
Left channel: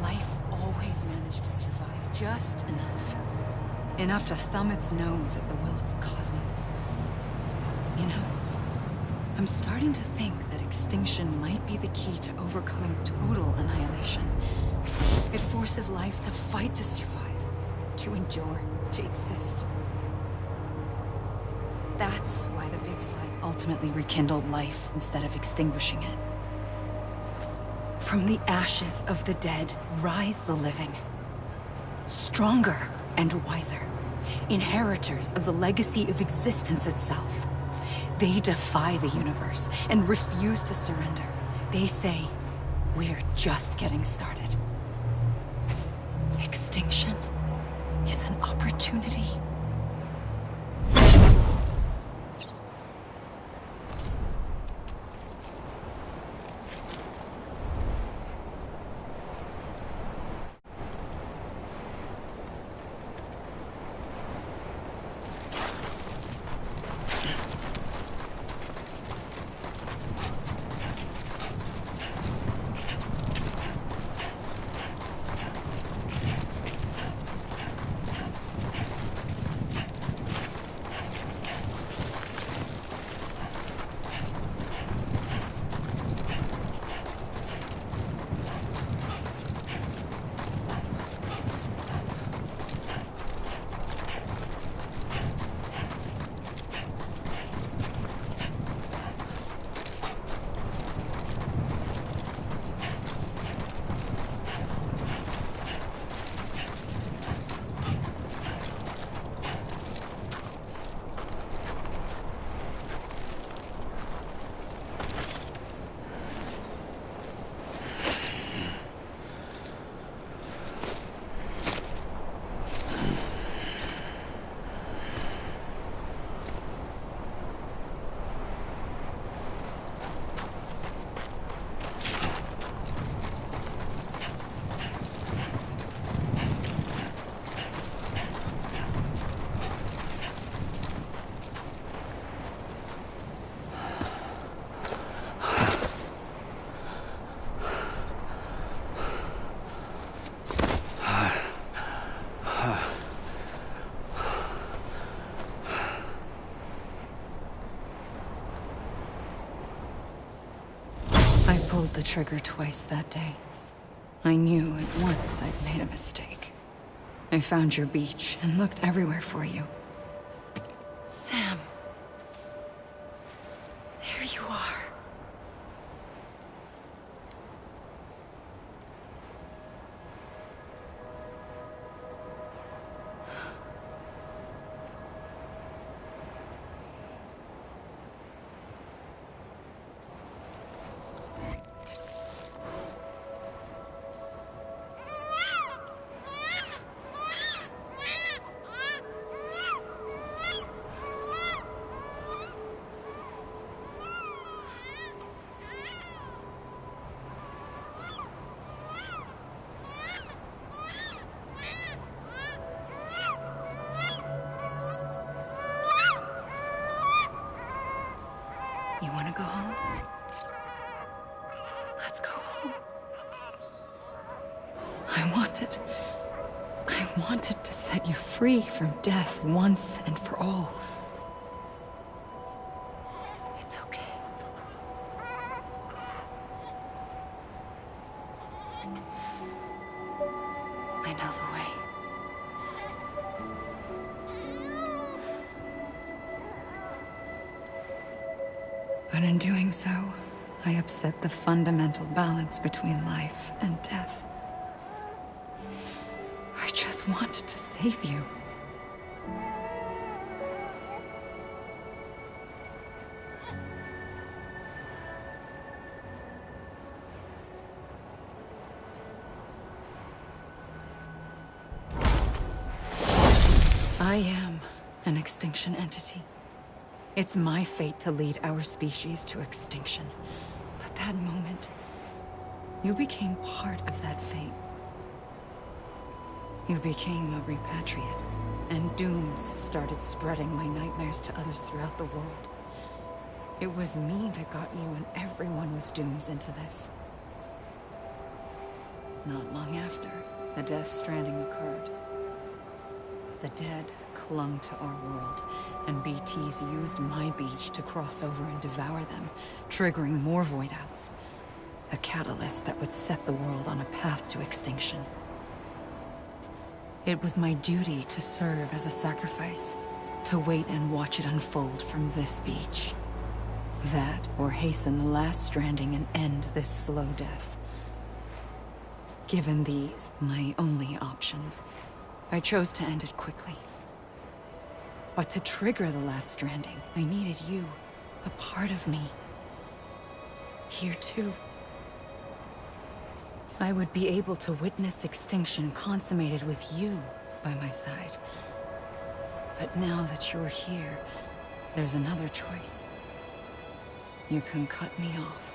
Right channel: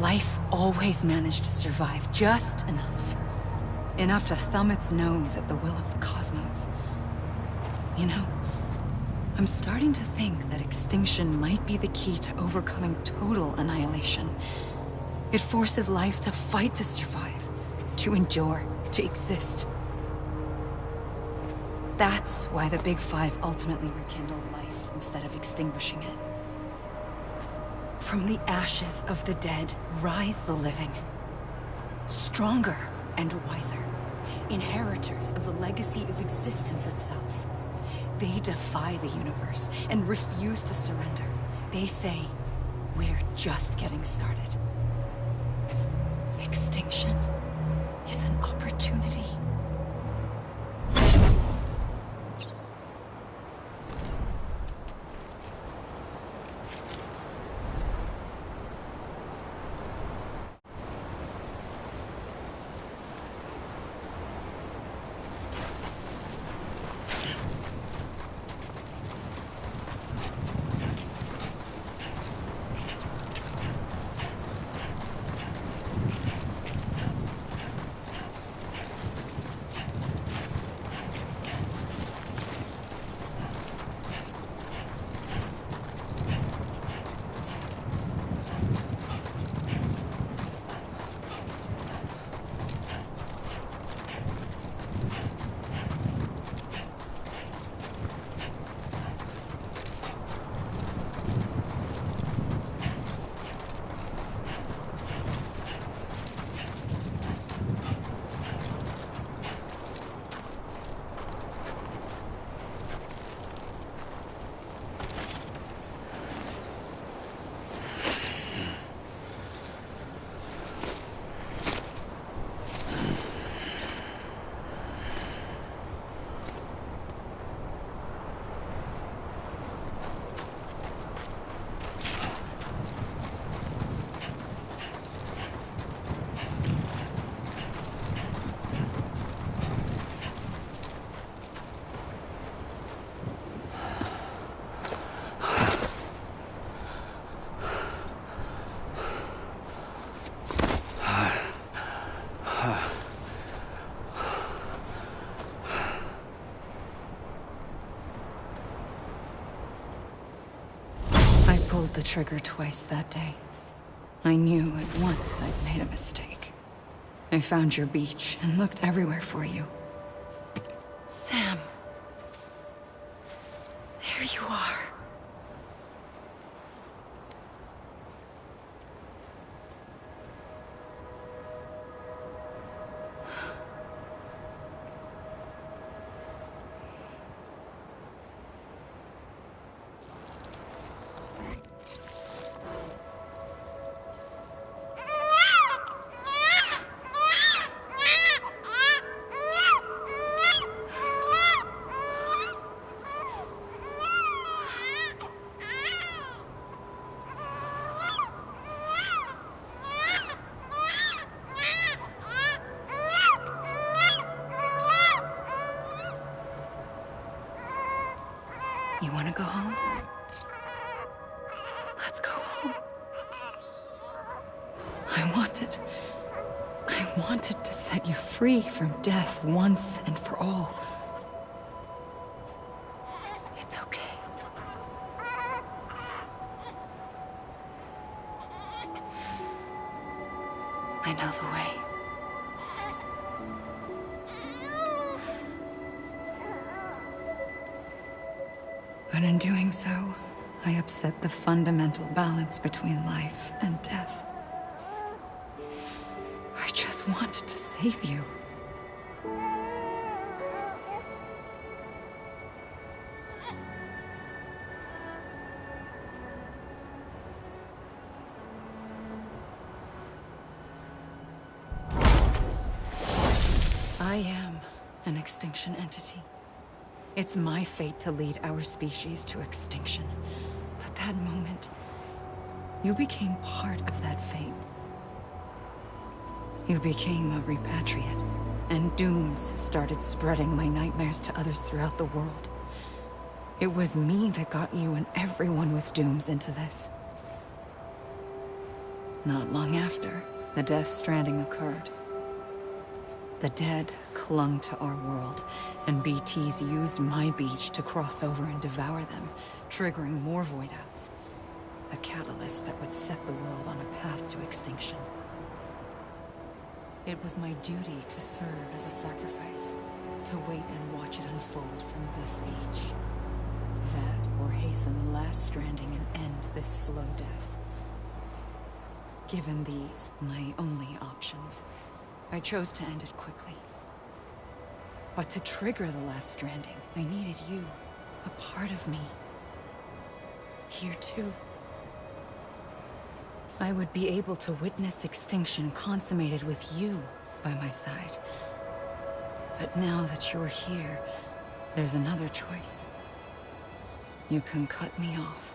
life always managed to survive just enough. Enough to thumb its nose at the will of the cosmos. You know, I'm starting to think that extinction might be the key to overcoming total annihilation. It forces life to fight to survive, to endure, to exist. That's why the Big Five ultimately rekindled life instead of extinguishing it. From the ashes of the dead rise the living. Stronger and wiser. Inheritors of the legacy of existence itself. They defy the universe and refuse to surrender. They say, we're just getting started. Extinction is an opportunity. I pulled the trigger twice that day. I knew at once I'd made a mistake. I found your beach and looked everywhere for you. Sam. There you are. You want to go home? Let's go home. I wanted to set you free from death once and for all. It's okay. I know the way. But in doing so, I upset the fundamental balance between life and death. I just wanted to save you. I am an extinction entity. It's my fate to lead our species to extinction. But that moment, you became part of that fate. You became a repatriate, and dooms started spreading my nightmares to others throughout the world. It was me that got you and everyone with dooms into this. Not long after, the Death Stranding occurred. The dead clung to our world, and BTs used my beach to cross over and devour them, triggering more void outs. A catalyst that would set the world on a path to extinction. It was my duty to serve as a sacrifice, to wait and watch it unfold from this beach. That, or hasten the last stranding and end this slow death. Given these, my only options, I chose to end it quickly. But to trigger the last stranding, I needed you, a part of me. Here too. I would be able to witness extinction consummated with you by my side. But now that you're here, there's another choice. You can cut me off.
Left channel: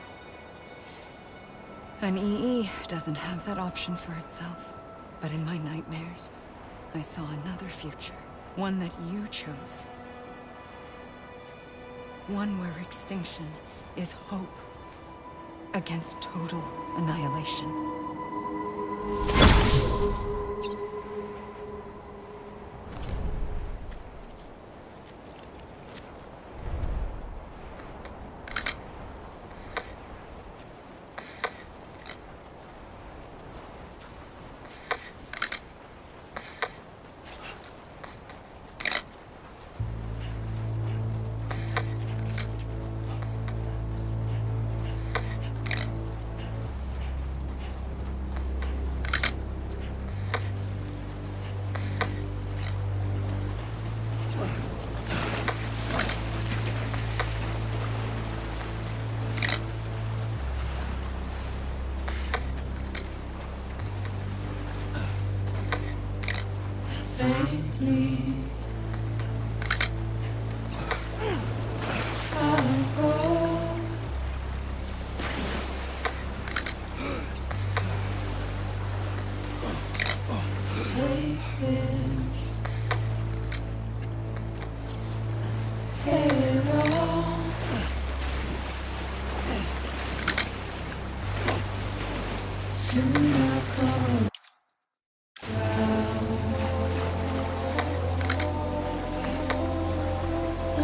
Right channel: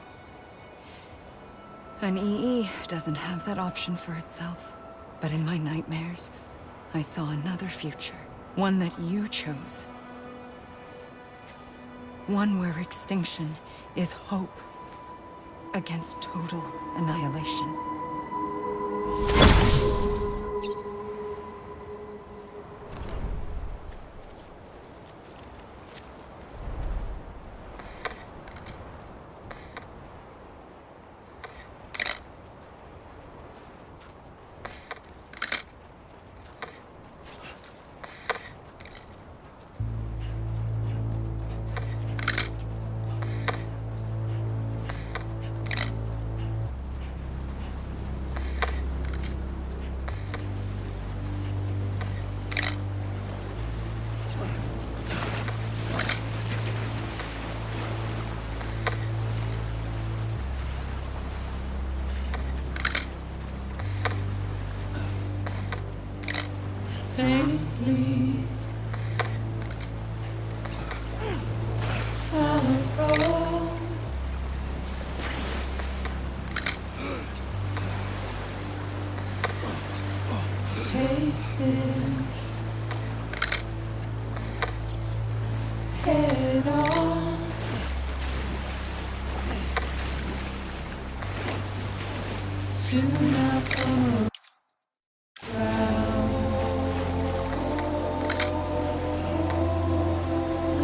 An EE doesn't have that option for itself. But in my nightmares, I saw another future. One that you chose. One where extinction is hope against total annihilation. Faintly, I'll go. Take this head on. Soon I'll come around.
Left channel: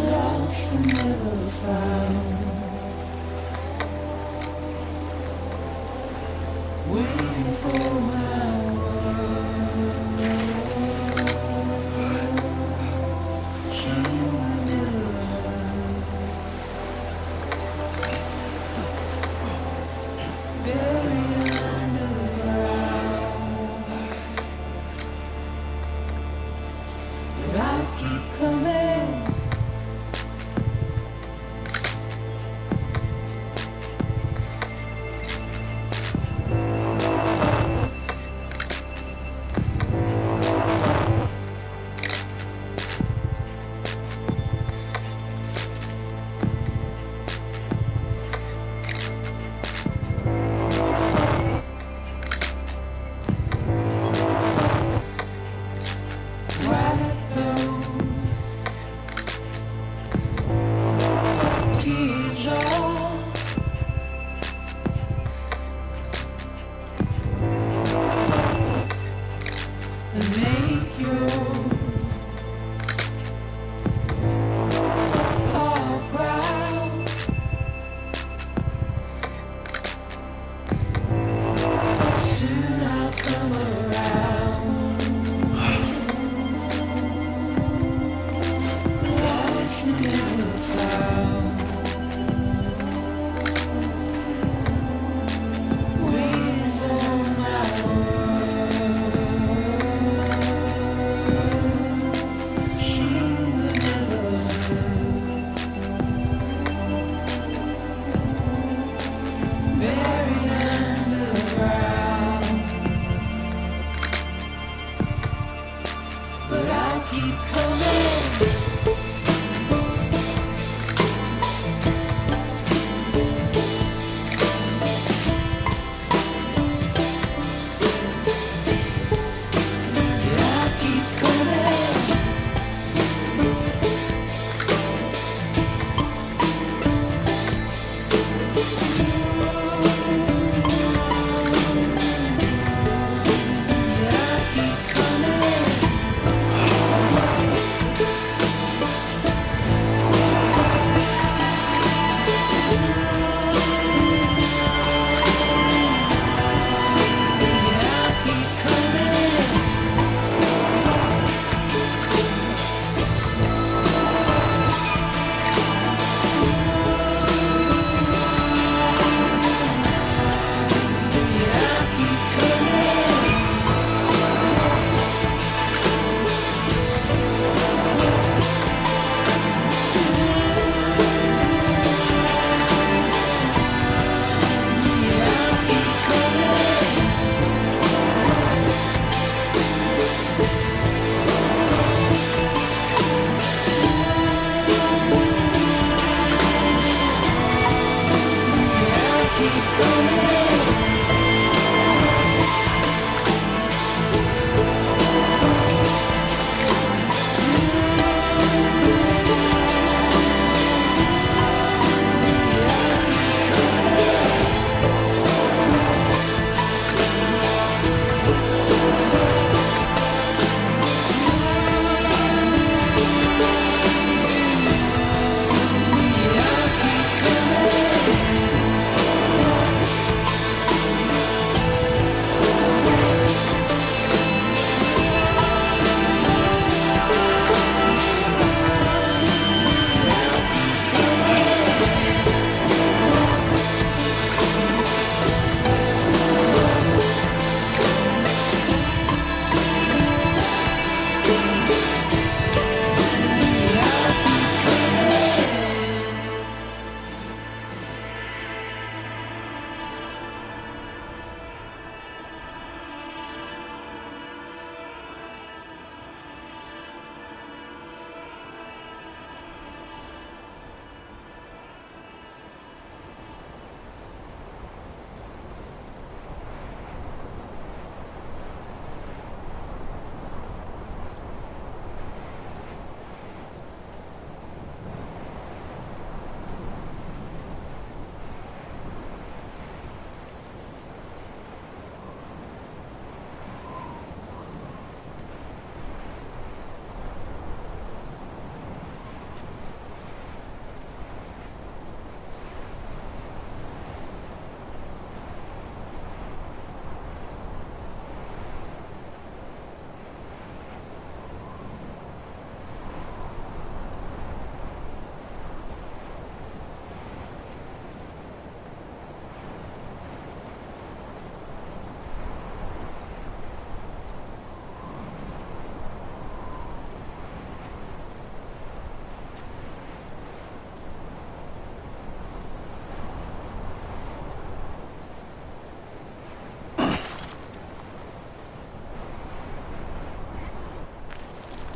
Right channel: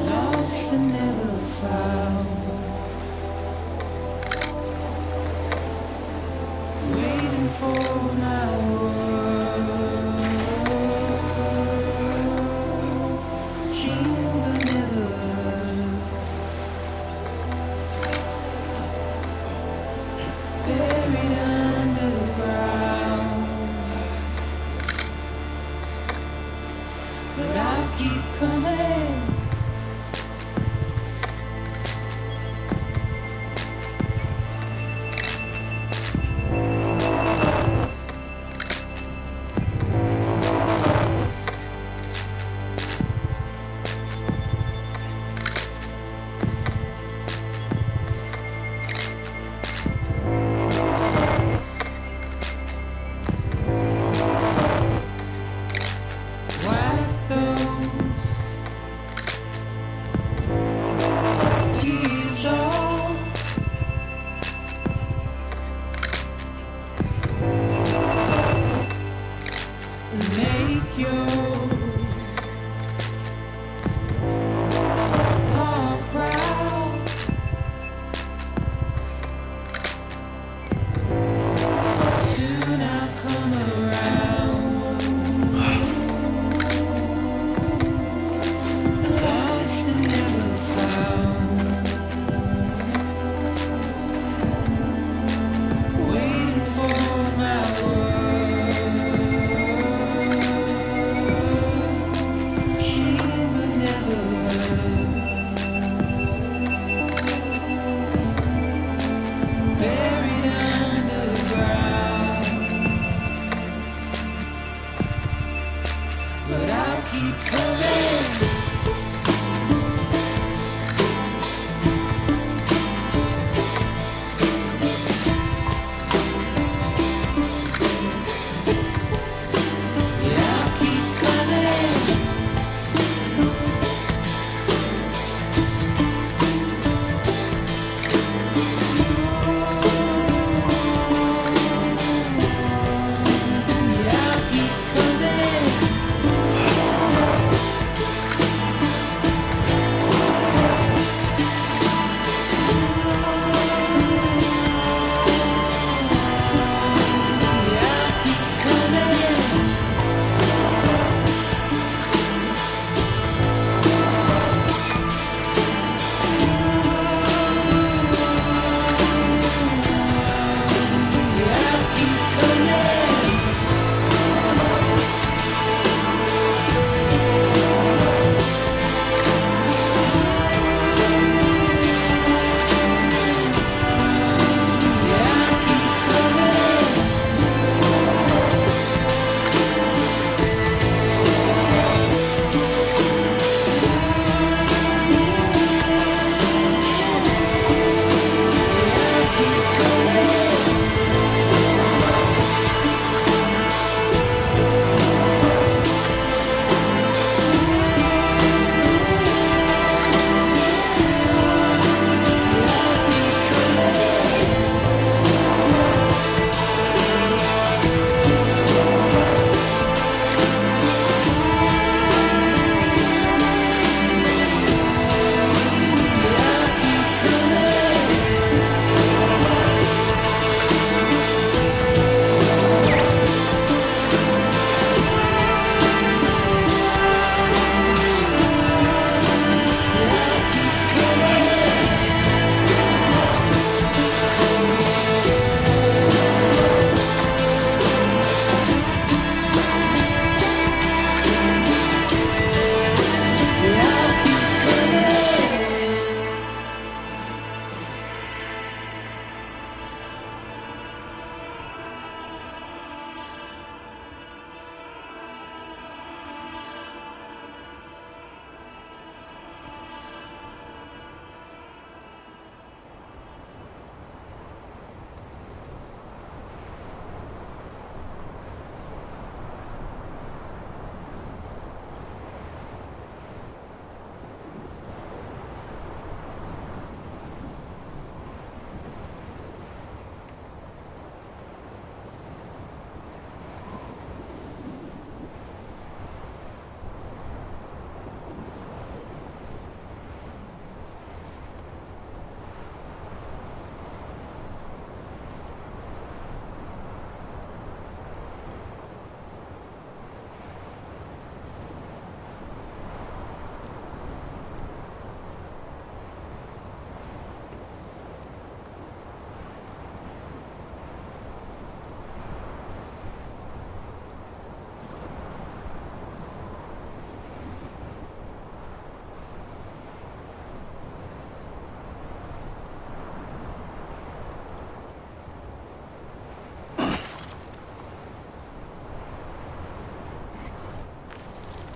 Lost and never found. Waiting for my world. Seen but never learned. Buried underground. But I'll keep coming. Wipe those tears off. And make your heart proud. Soon I'll come around. Lost and never found.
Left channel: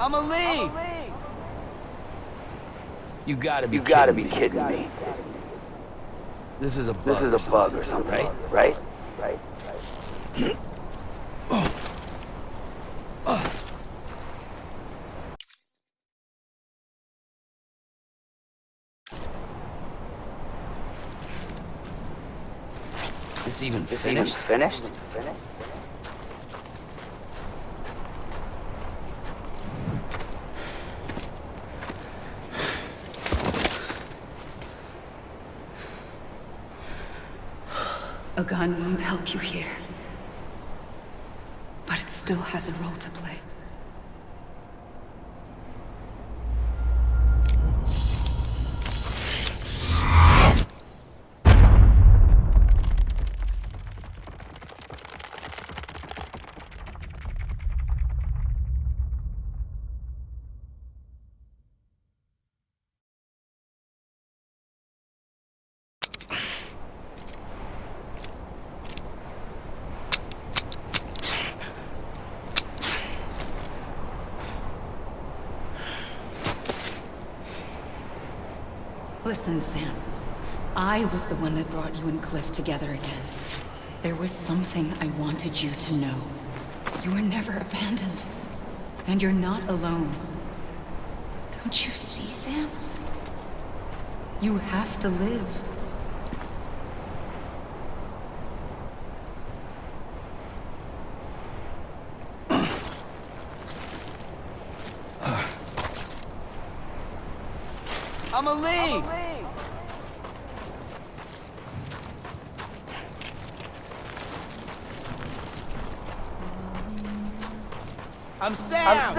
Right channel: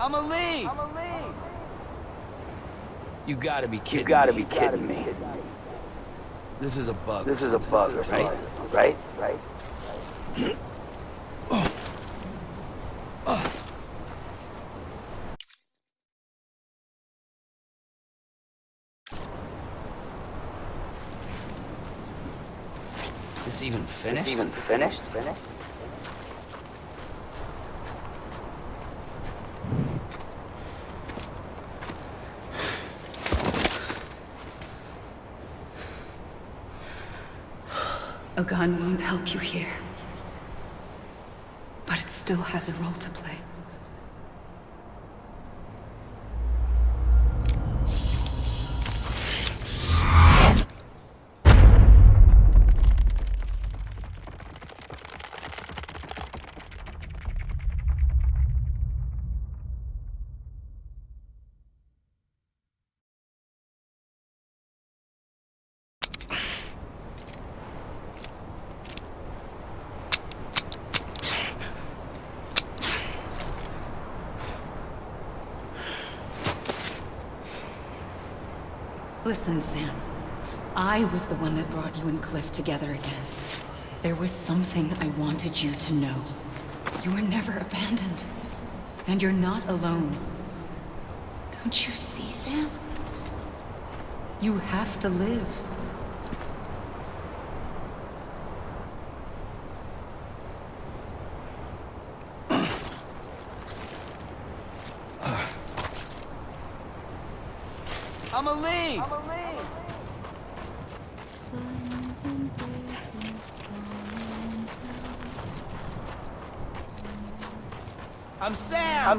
Amelie! You gotta be kidding me. This is a bug or something, right? This even finished? A gun won't help you here. But it still has a role to play. Listen, Sam. I was the one that brought you and Cliff together again. There was something I wanted you to know. You were never abandoned. And you're not alone. Don't you see, Sam? You have to live. Amelie! I'm Sam!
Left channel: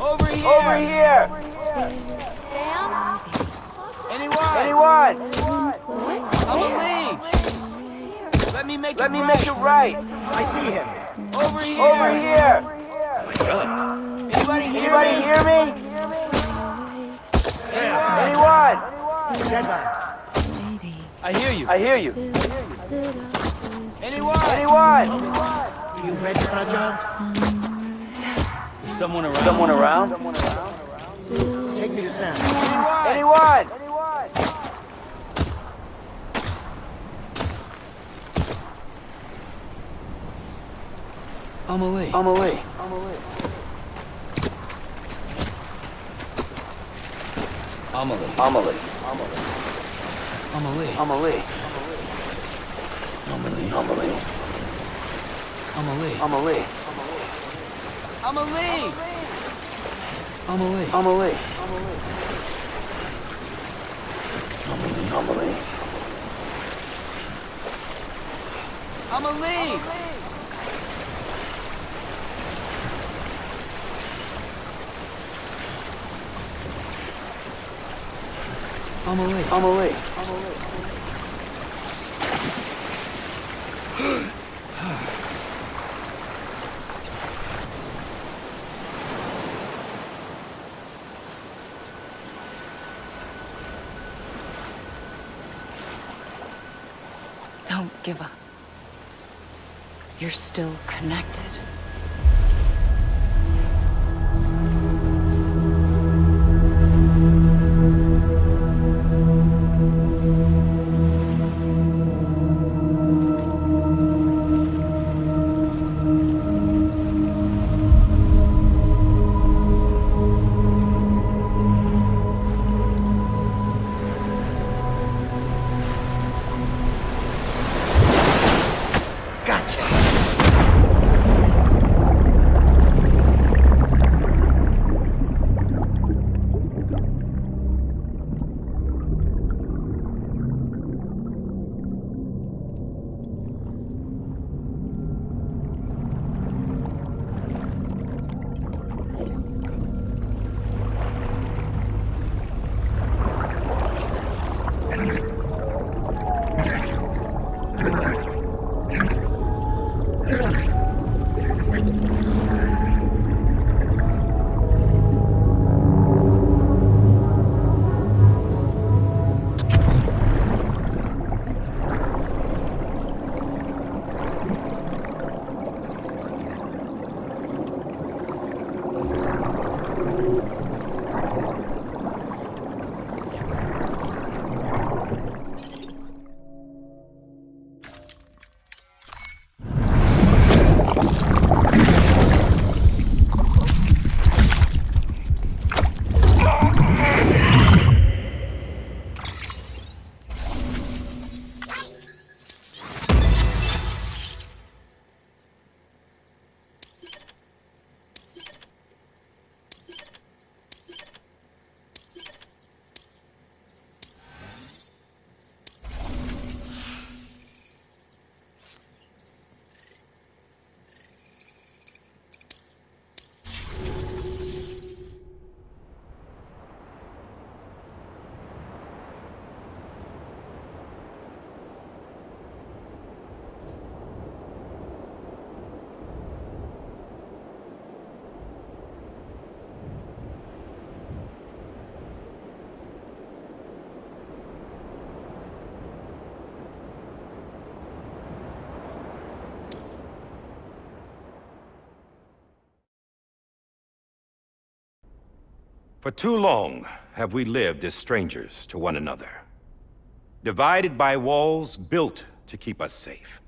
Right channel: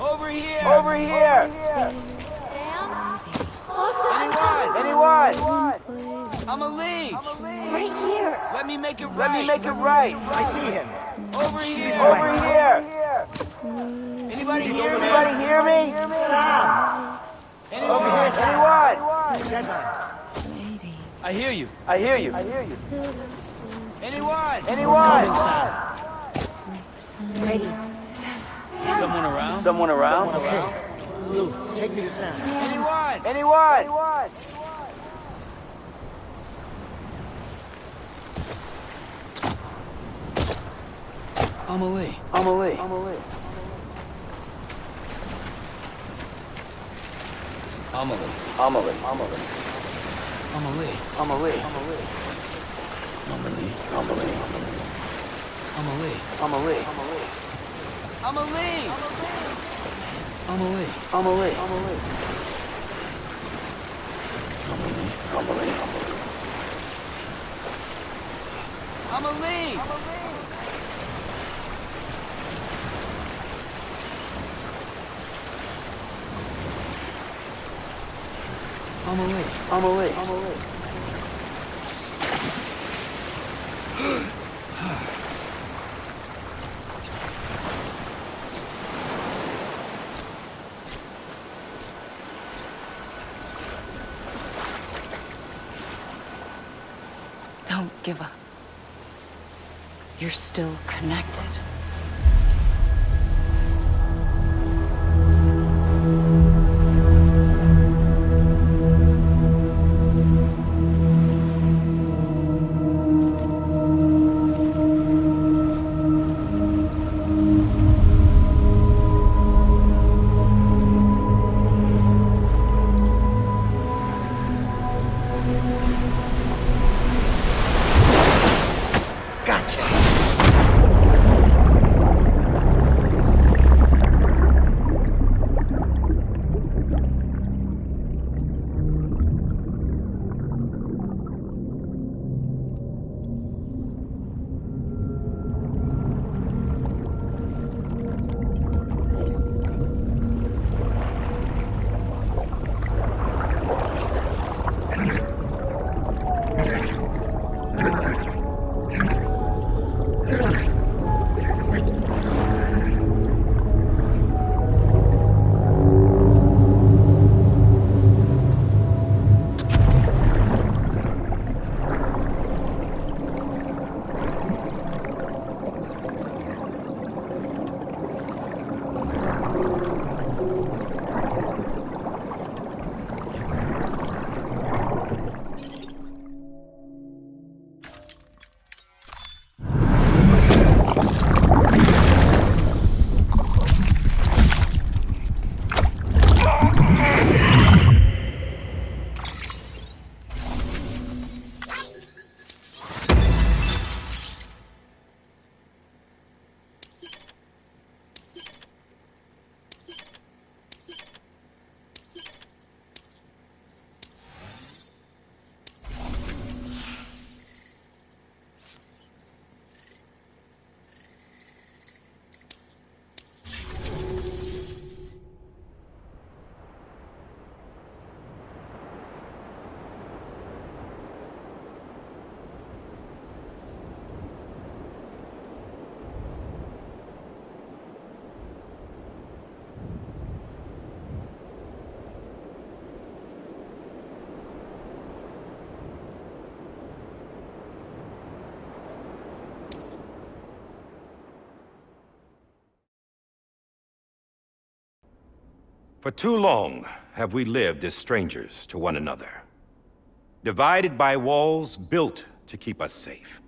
Over here! Sam? Anyone? Amelie! Right here. Let me make it right. I see him. Over here! Anybody hear me? Anyone? Deadman. I hear you. Anyone? You ready for a job? Someone around? Luke, take me to Sam. Anyone? Amelie. Don't give up. You're still connected. For too long have we lived as strangers to one another, divided by walls built to keep us safe.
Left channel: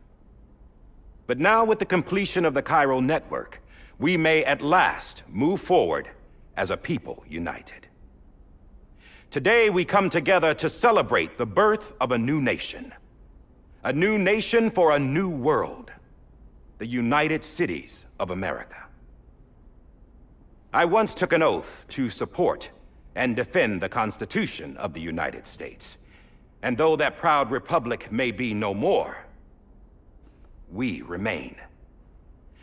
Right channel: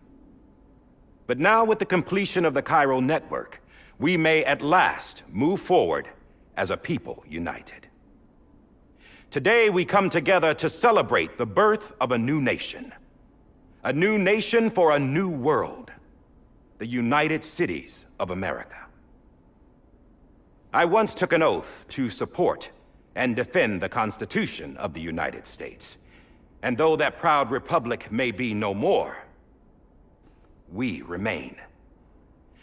But now, with the completion of the Chiral network, we may at last move forward as a people united. Today, we come together to celebrate the birth of a new nation. A new nation for a new world. The United Cities of America. I once took an oath to support and defend the Constitution of the United States. And though that proud republic may be no more, we remain.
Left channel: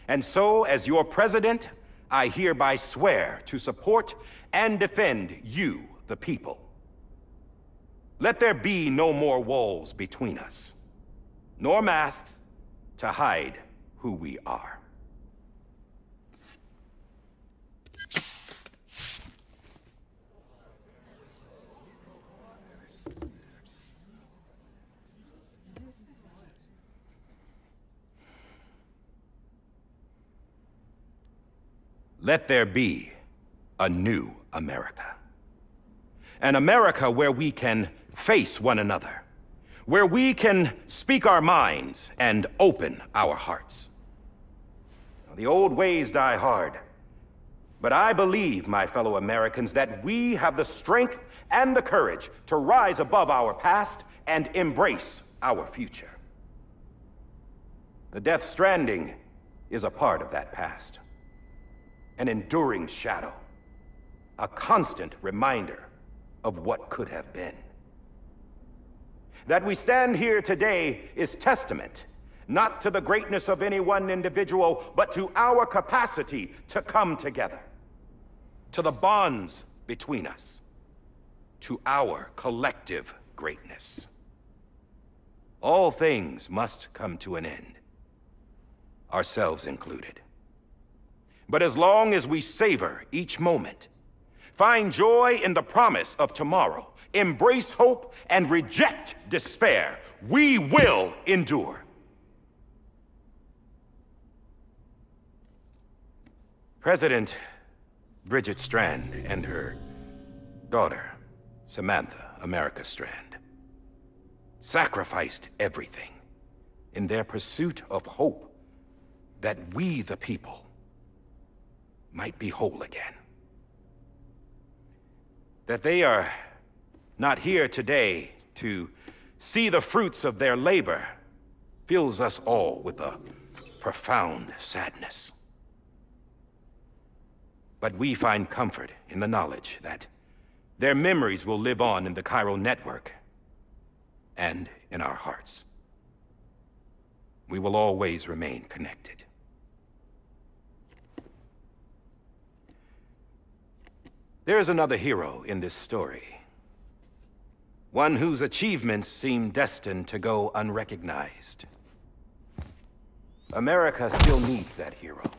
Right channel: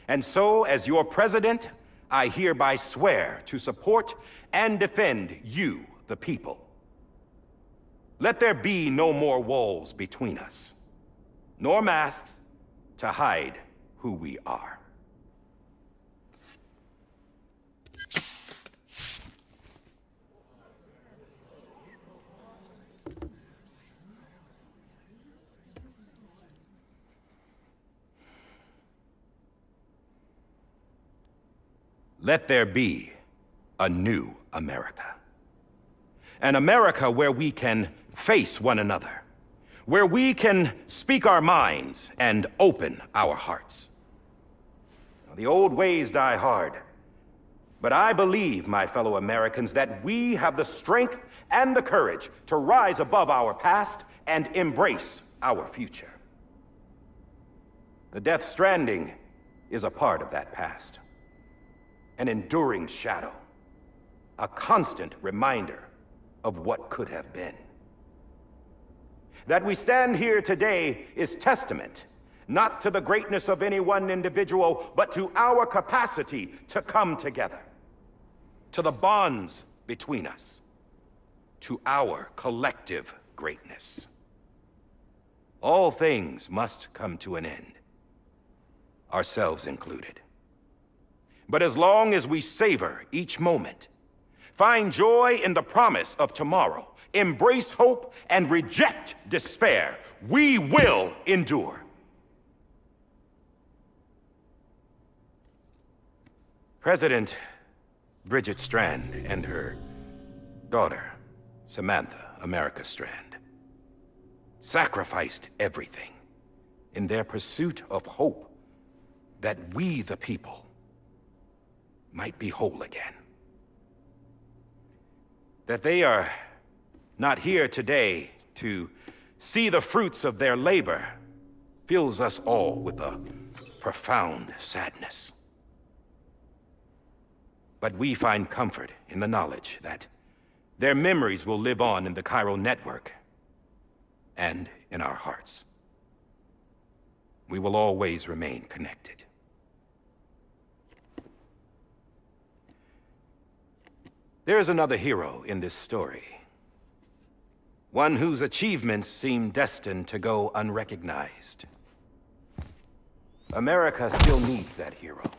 And so, as your president, I hereby swear to support and defend you, the people. Let there be no more walls between us, nor masks to hide who we are. Let there be a new America. An America where we can face one another, where we can speak our minds and open our hearts. Now, the old ways die hard, but I believe, my fellow Americans, that we have the strength and the courage to rise above our past and embrace our future. The Death Stranding is a part of that past. An enduring shadow, a constant reminder of what could have been. That we stand here today is testament, not to the greatness of any one individual, but to our capacity to come together, to the bonds between us, to our collective greatness. All things must come to an end, ourselves included. But as long as we savor each moment, find joy in the promise of tomorrow, embrace hope, and reject despair, we will endure. President Bridget Strand and her daughter, Samantha America Strand, sacrificed everything in their pursuit of hope that we, the people, might be whole again. That they are not here today to see the fruits of their labor fills us all with a profound sadness. But we find comfort in the knowledge that their memories will live on in the Chiral network and in our hearts. We will always remain connected. There is another hero in this story. One whose achievements seem destined to go unrecognized. America still needs that hero.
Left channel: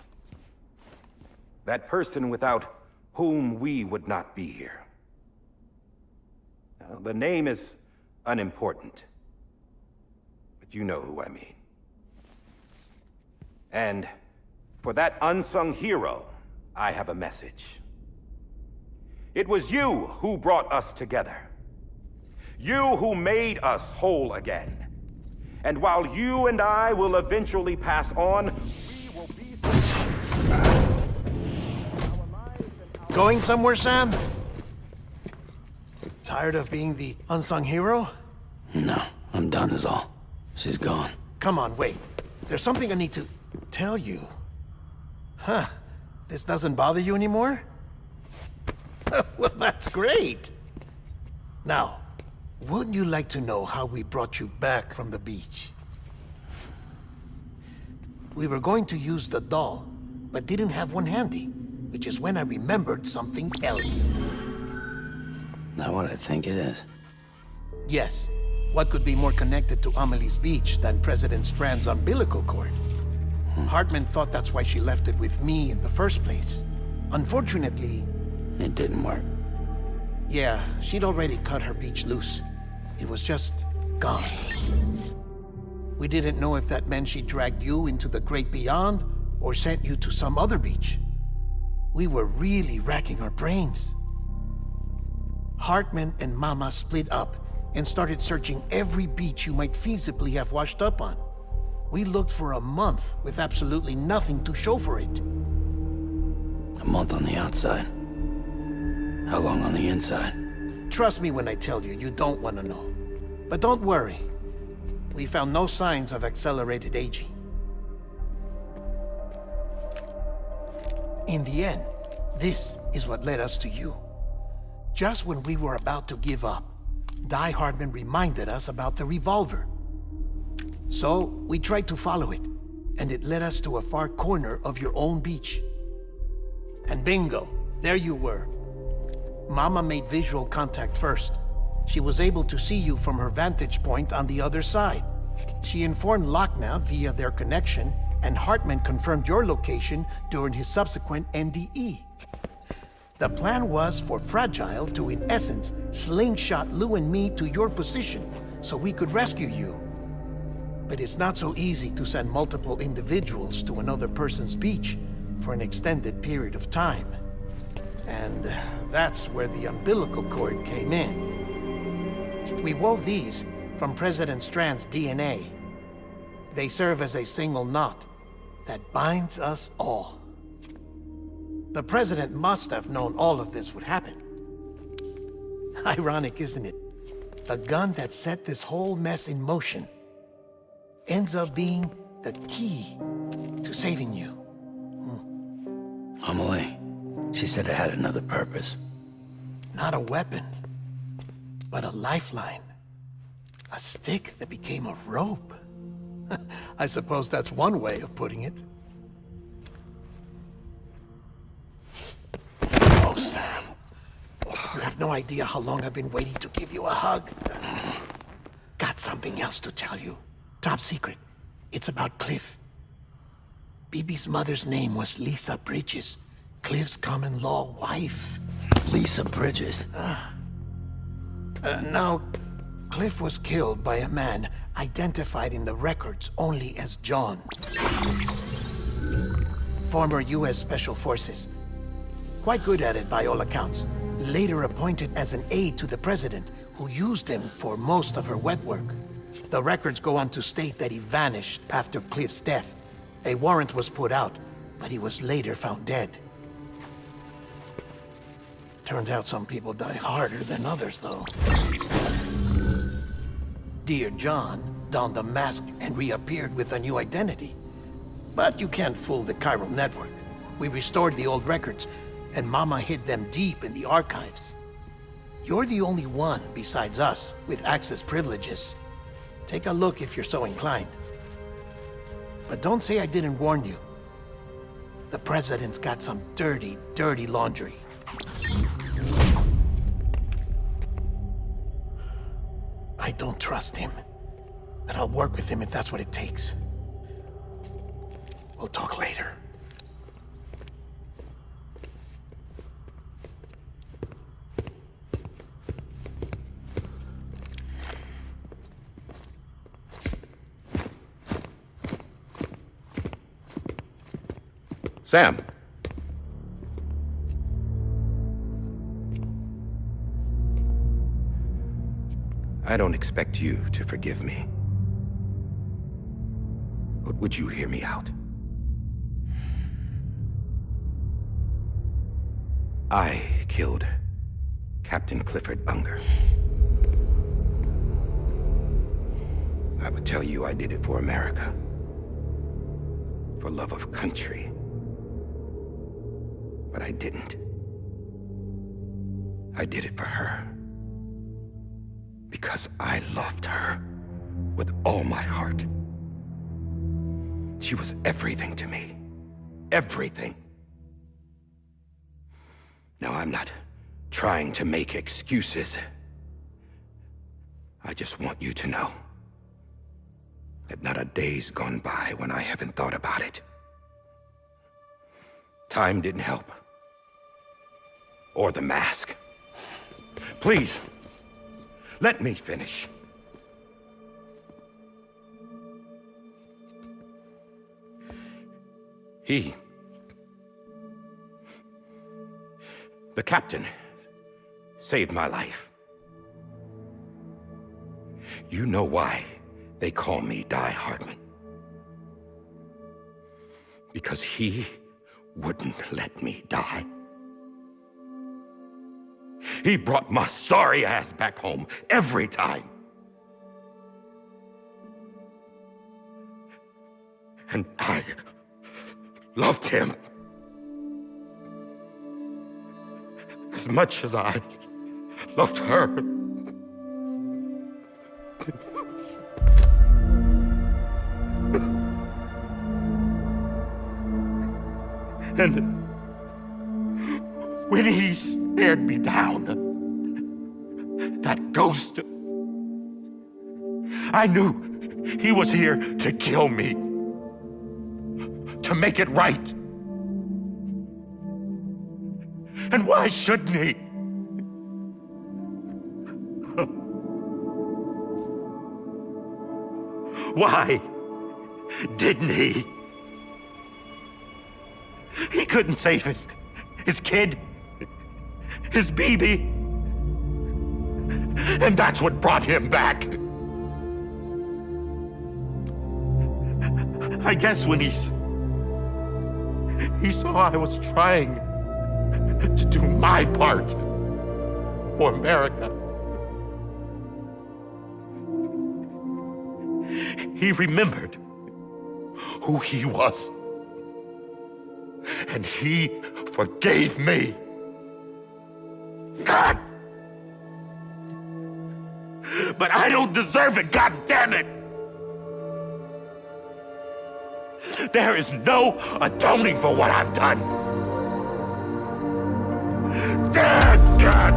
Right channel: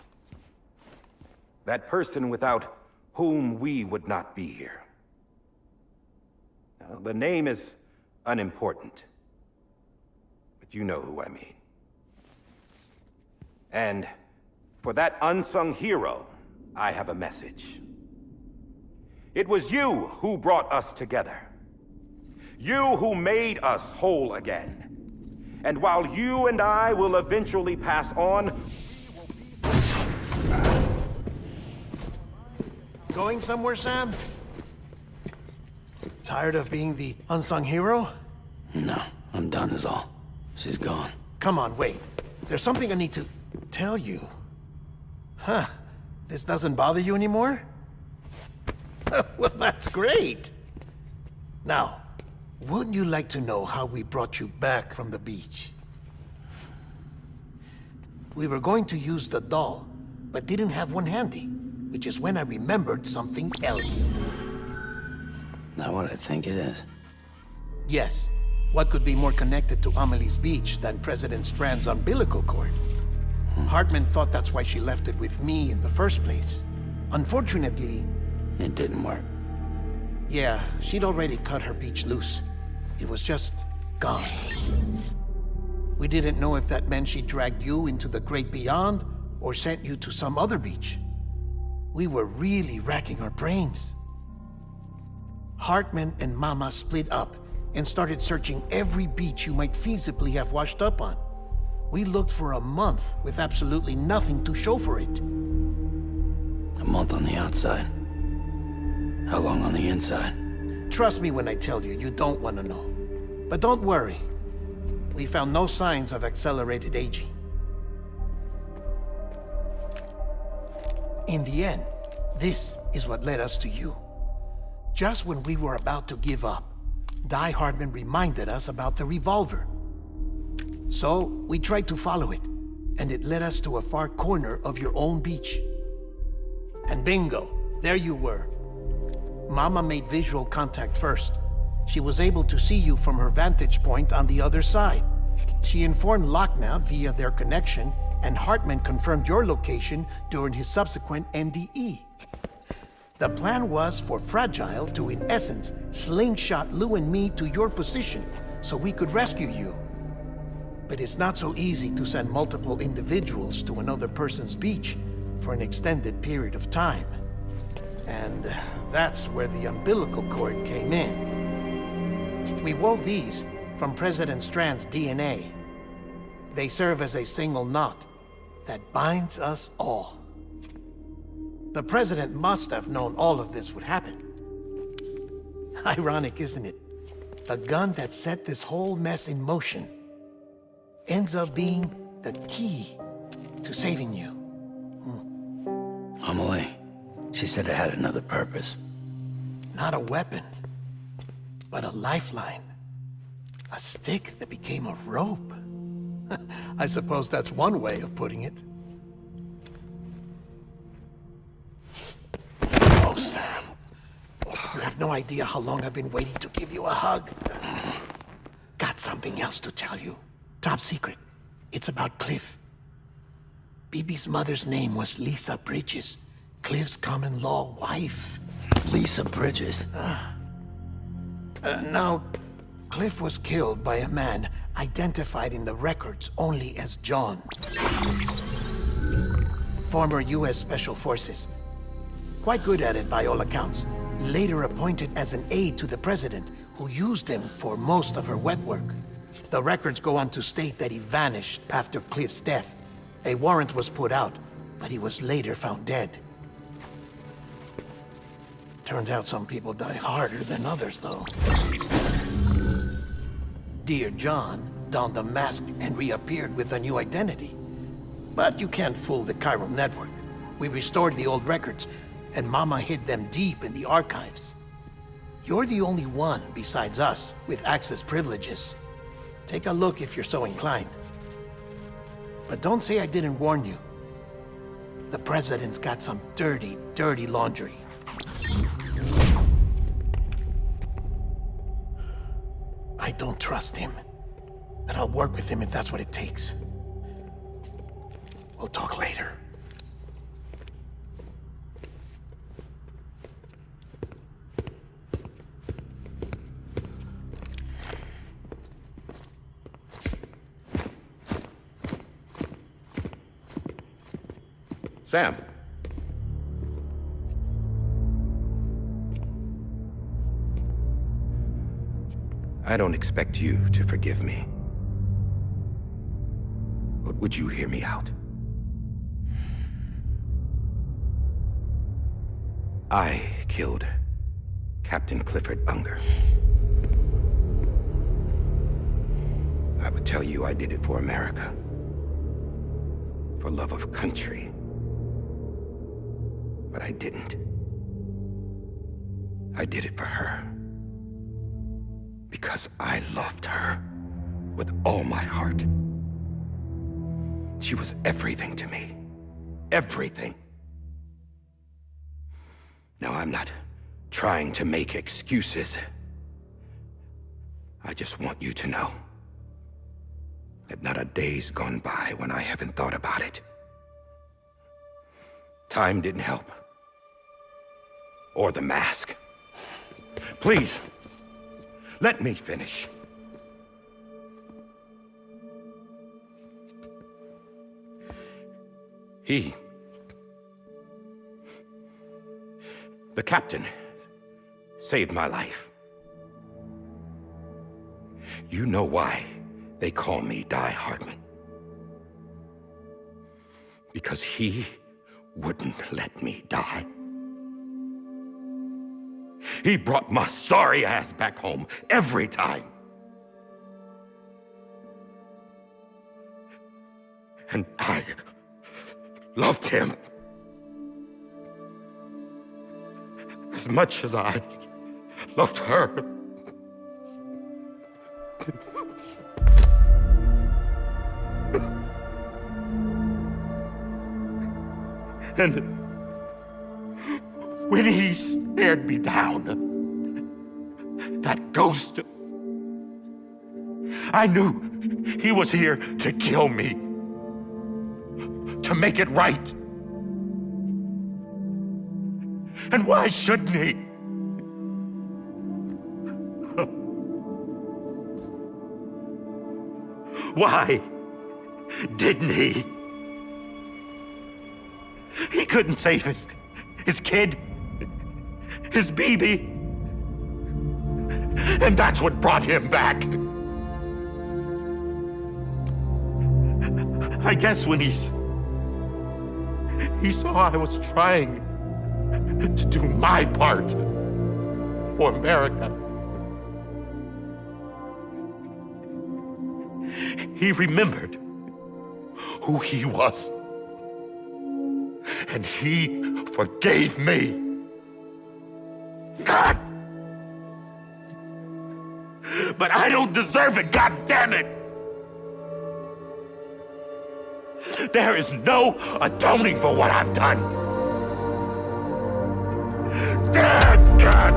That person without whom we would not be here. Now, the name is unimportant, but you know who I mean. And for that unsung hero, I have a message. It was you who brought us together. You who made us whole again. And while you and I will eventually pass on, we will be... Going somewhere, Sam? Tired of being the unsung hero? No, I'm done is all. She's gone. Come on, wait. There's something I need to tell you. Huh. This doesn't bother you anymore? Well, that's great. Now, wouldn't you like to know how we brought you back from the beach? We were going to use the doll, but didn't have one handy, which is when I remembered something else. Not what I think it is. Yes. What could be more connected to Amelie's beach than President Strand's umbilical cord? Hartman thought that's why she left it with me in the first place. Unfortunately... It didn't work. Yeah, she'd already cut her beach loose. It was just gone. We didn't know if that meant she dragged you into the great beyond or sent you to some other beach. We were really racking our brains. Hartman and Mama split up and started searching every beach you might feasibly have washed up on. We looked for a month with absolutely nothing to show for it. A month on the outside. How long on the inside? Trust me when I tell you, you don't want to know. But don't worry. We found no signs of accelerated aging. In the end, this is what led us to you. Just when we were about to give up, Die Hardman reminded us about the revolver. So, we tried to follow it, and it led us to a far corner of your own beach. And bingo, there you were. Mama made visual contact first. She was able to see you from her vantage point on the other side. She informed Lochna via their connection, and Hartman confirmed your location during his subsequent NDE. The plan was for Fragile to, in essence, slingshot Lou and me to your position so we could rescue you. But it's not so easy to send multiple individuals to another person's beach for an extended period of time. And that's where the umbilical cord came in. We wove these from President Strand's DNA. They serve as a single knot that binds us all. The President must have known all of this would happen. Ironic, isn't it? The gun that set this whole mess in motion ends up being the key to saving you. Amelie, she said it had another purpose. Not a weapon, but a lifeline. A stick that became a rope. I suppose that's one way of putting it. Oh, Sam. You have no idea how long I've been waiting to give you a hug. Got something else to tell you. Top secret. It's about Cliff. Bibi's mother's name was Lisa Bridges, Cliff's common-law wife. Lisa Bridges? Now, Cliff was killed by a man identified in the records only as John. Former U.S. Special Forces. Quite good at it by all accounts. Later appointed as an aide to the president, who used him for most of her wet work. The records go on to state that he vanished after Cliff's death. A warrant was put out, but he was later found dead. Turned out some people die harder than others, though. Dear John donned a mask and reappeared with a new identity. But you can't fool the chiral network. We restored the old records, and Mama hid them deep in the archives. You're the only one, besides us, with access privileges. Take a look if you're so inclined. But don't say I didn't warn you. The president's got some dirty, dirty laundry. I don't trust him, but I'll work with him if that's what it takes. We'll talk later. Sam. I don't expect you to forgive me. But would you hear me out? I killed Captain Clifford Unger. I would tell you I did it for America. For love of country. But I didn't. I did it for her. Because I loved her with all my heart. She was everything to me. Everything. Now, I'm not trying to make excuses. I just want you to know that not a day's gone by when I haven't thought about it. Time didn't help. Or the mask. Please, let me finish. The captain saved my life. You know why they call me Die Hardman? Because he wouldn't let me die. He brought my sorry ass back home every time. And I loved him as much as I loved her. And when he stared me down, that ghost, I knew he was here to kill me, to make it right. And why shouldn't he? Why didn't he? He couldn't save his kid, his baby. And that's what brought him back. I guess when he saw I was trying to do my part for America, he remembered who he was. And he forgave me. God! But I don't deserve it, God damn it! There is no atoning for what I've done. God!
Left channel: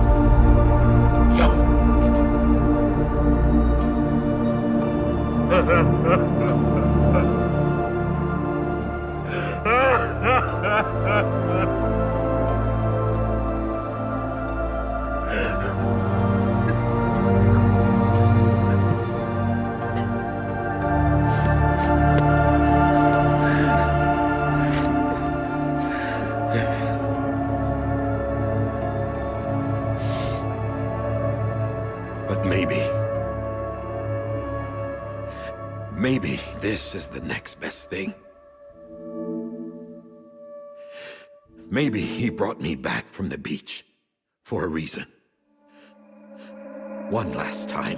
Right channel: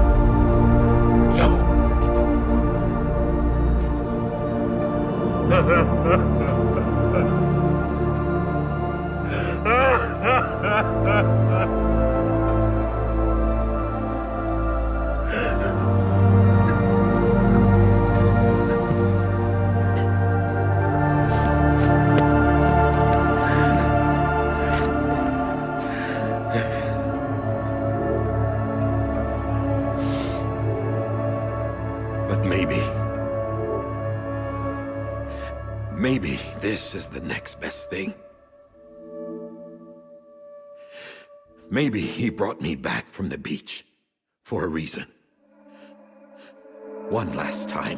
But maybe this is the next best thing. Maybe he brought me back from the beach for a reason. One last time.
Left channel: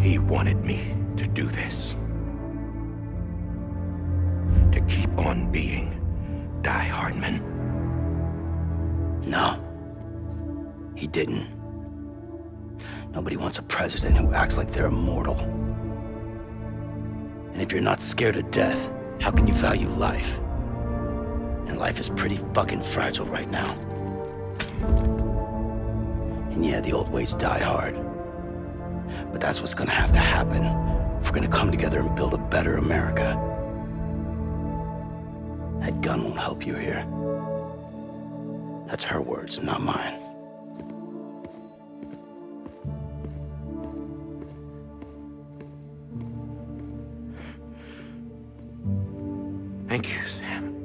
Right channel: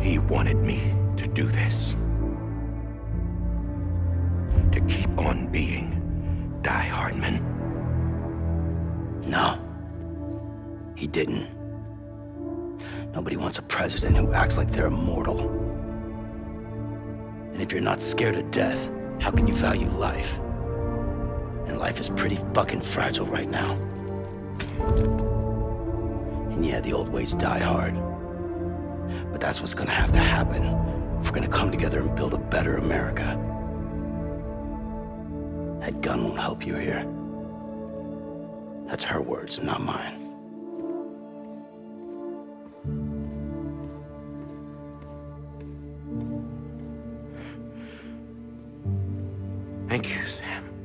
He wanted me to do this. To keep on being Die Hardman. No. He didn't. Nobody wants a president who acts like they're immortal. And if you're not scared of death, how can you value life? And life is pretty fucking fragile right now. And yeah, the old ways die hard. But that's what's gonna have to happen if we're gonna come together and build a better America. That gun won't help you here. That's her words, not mine. Thank you, Sam.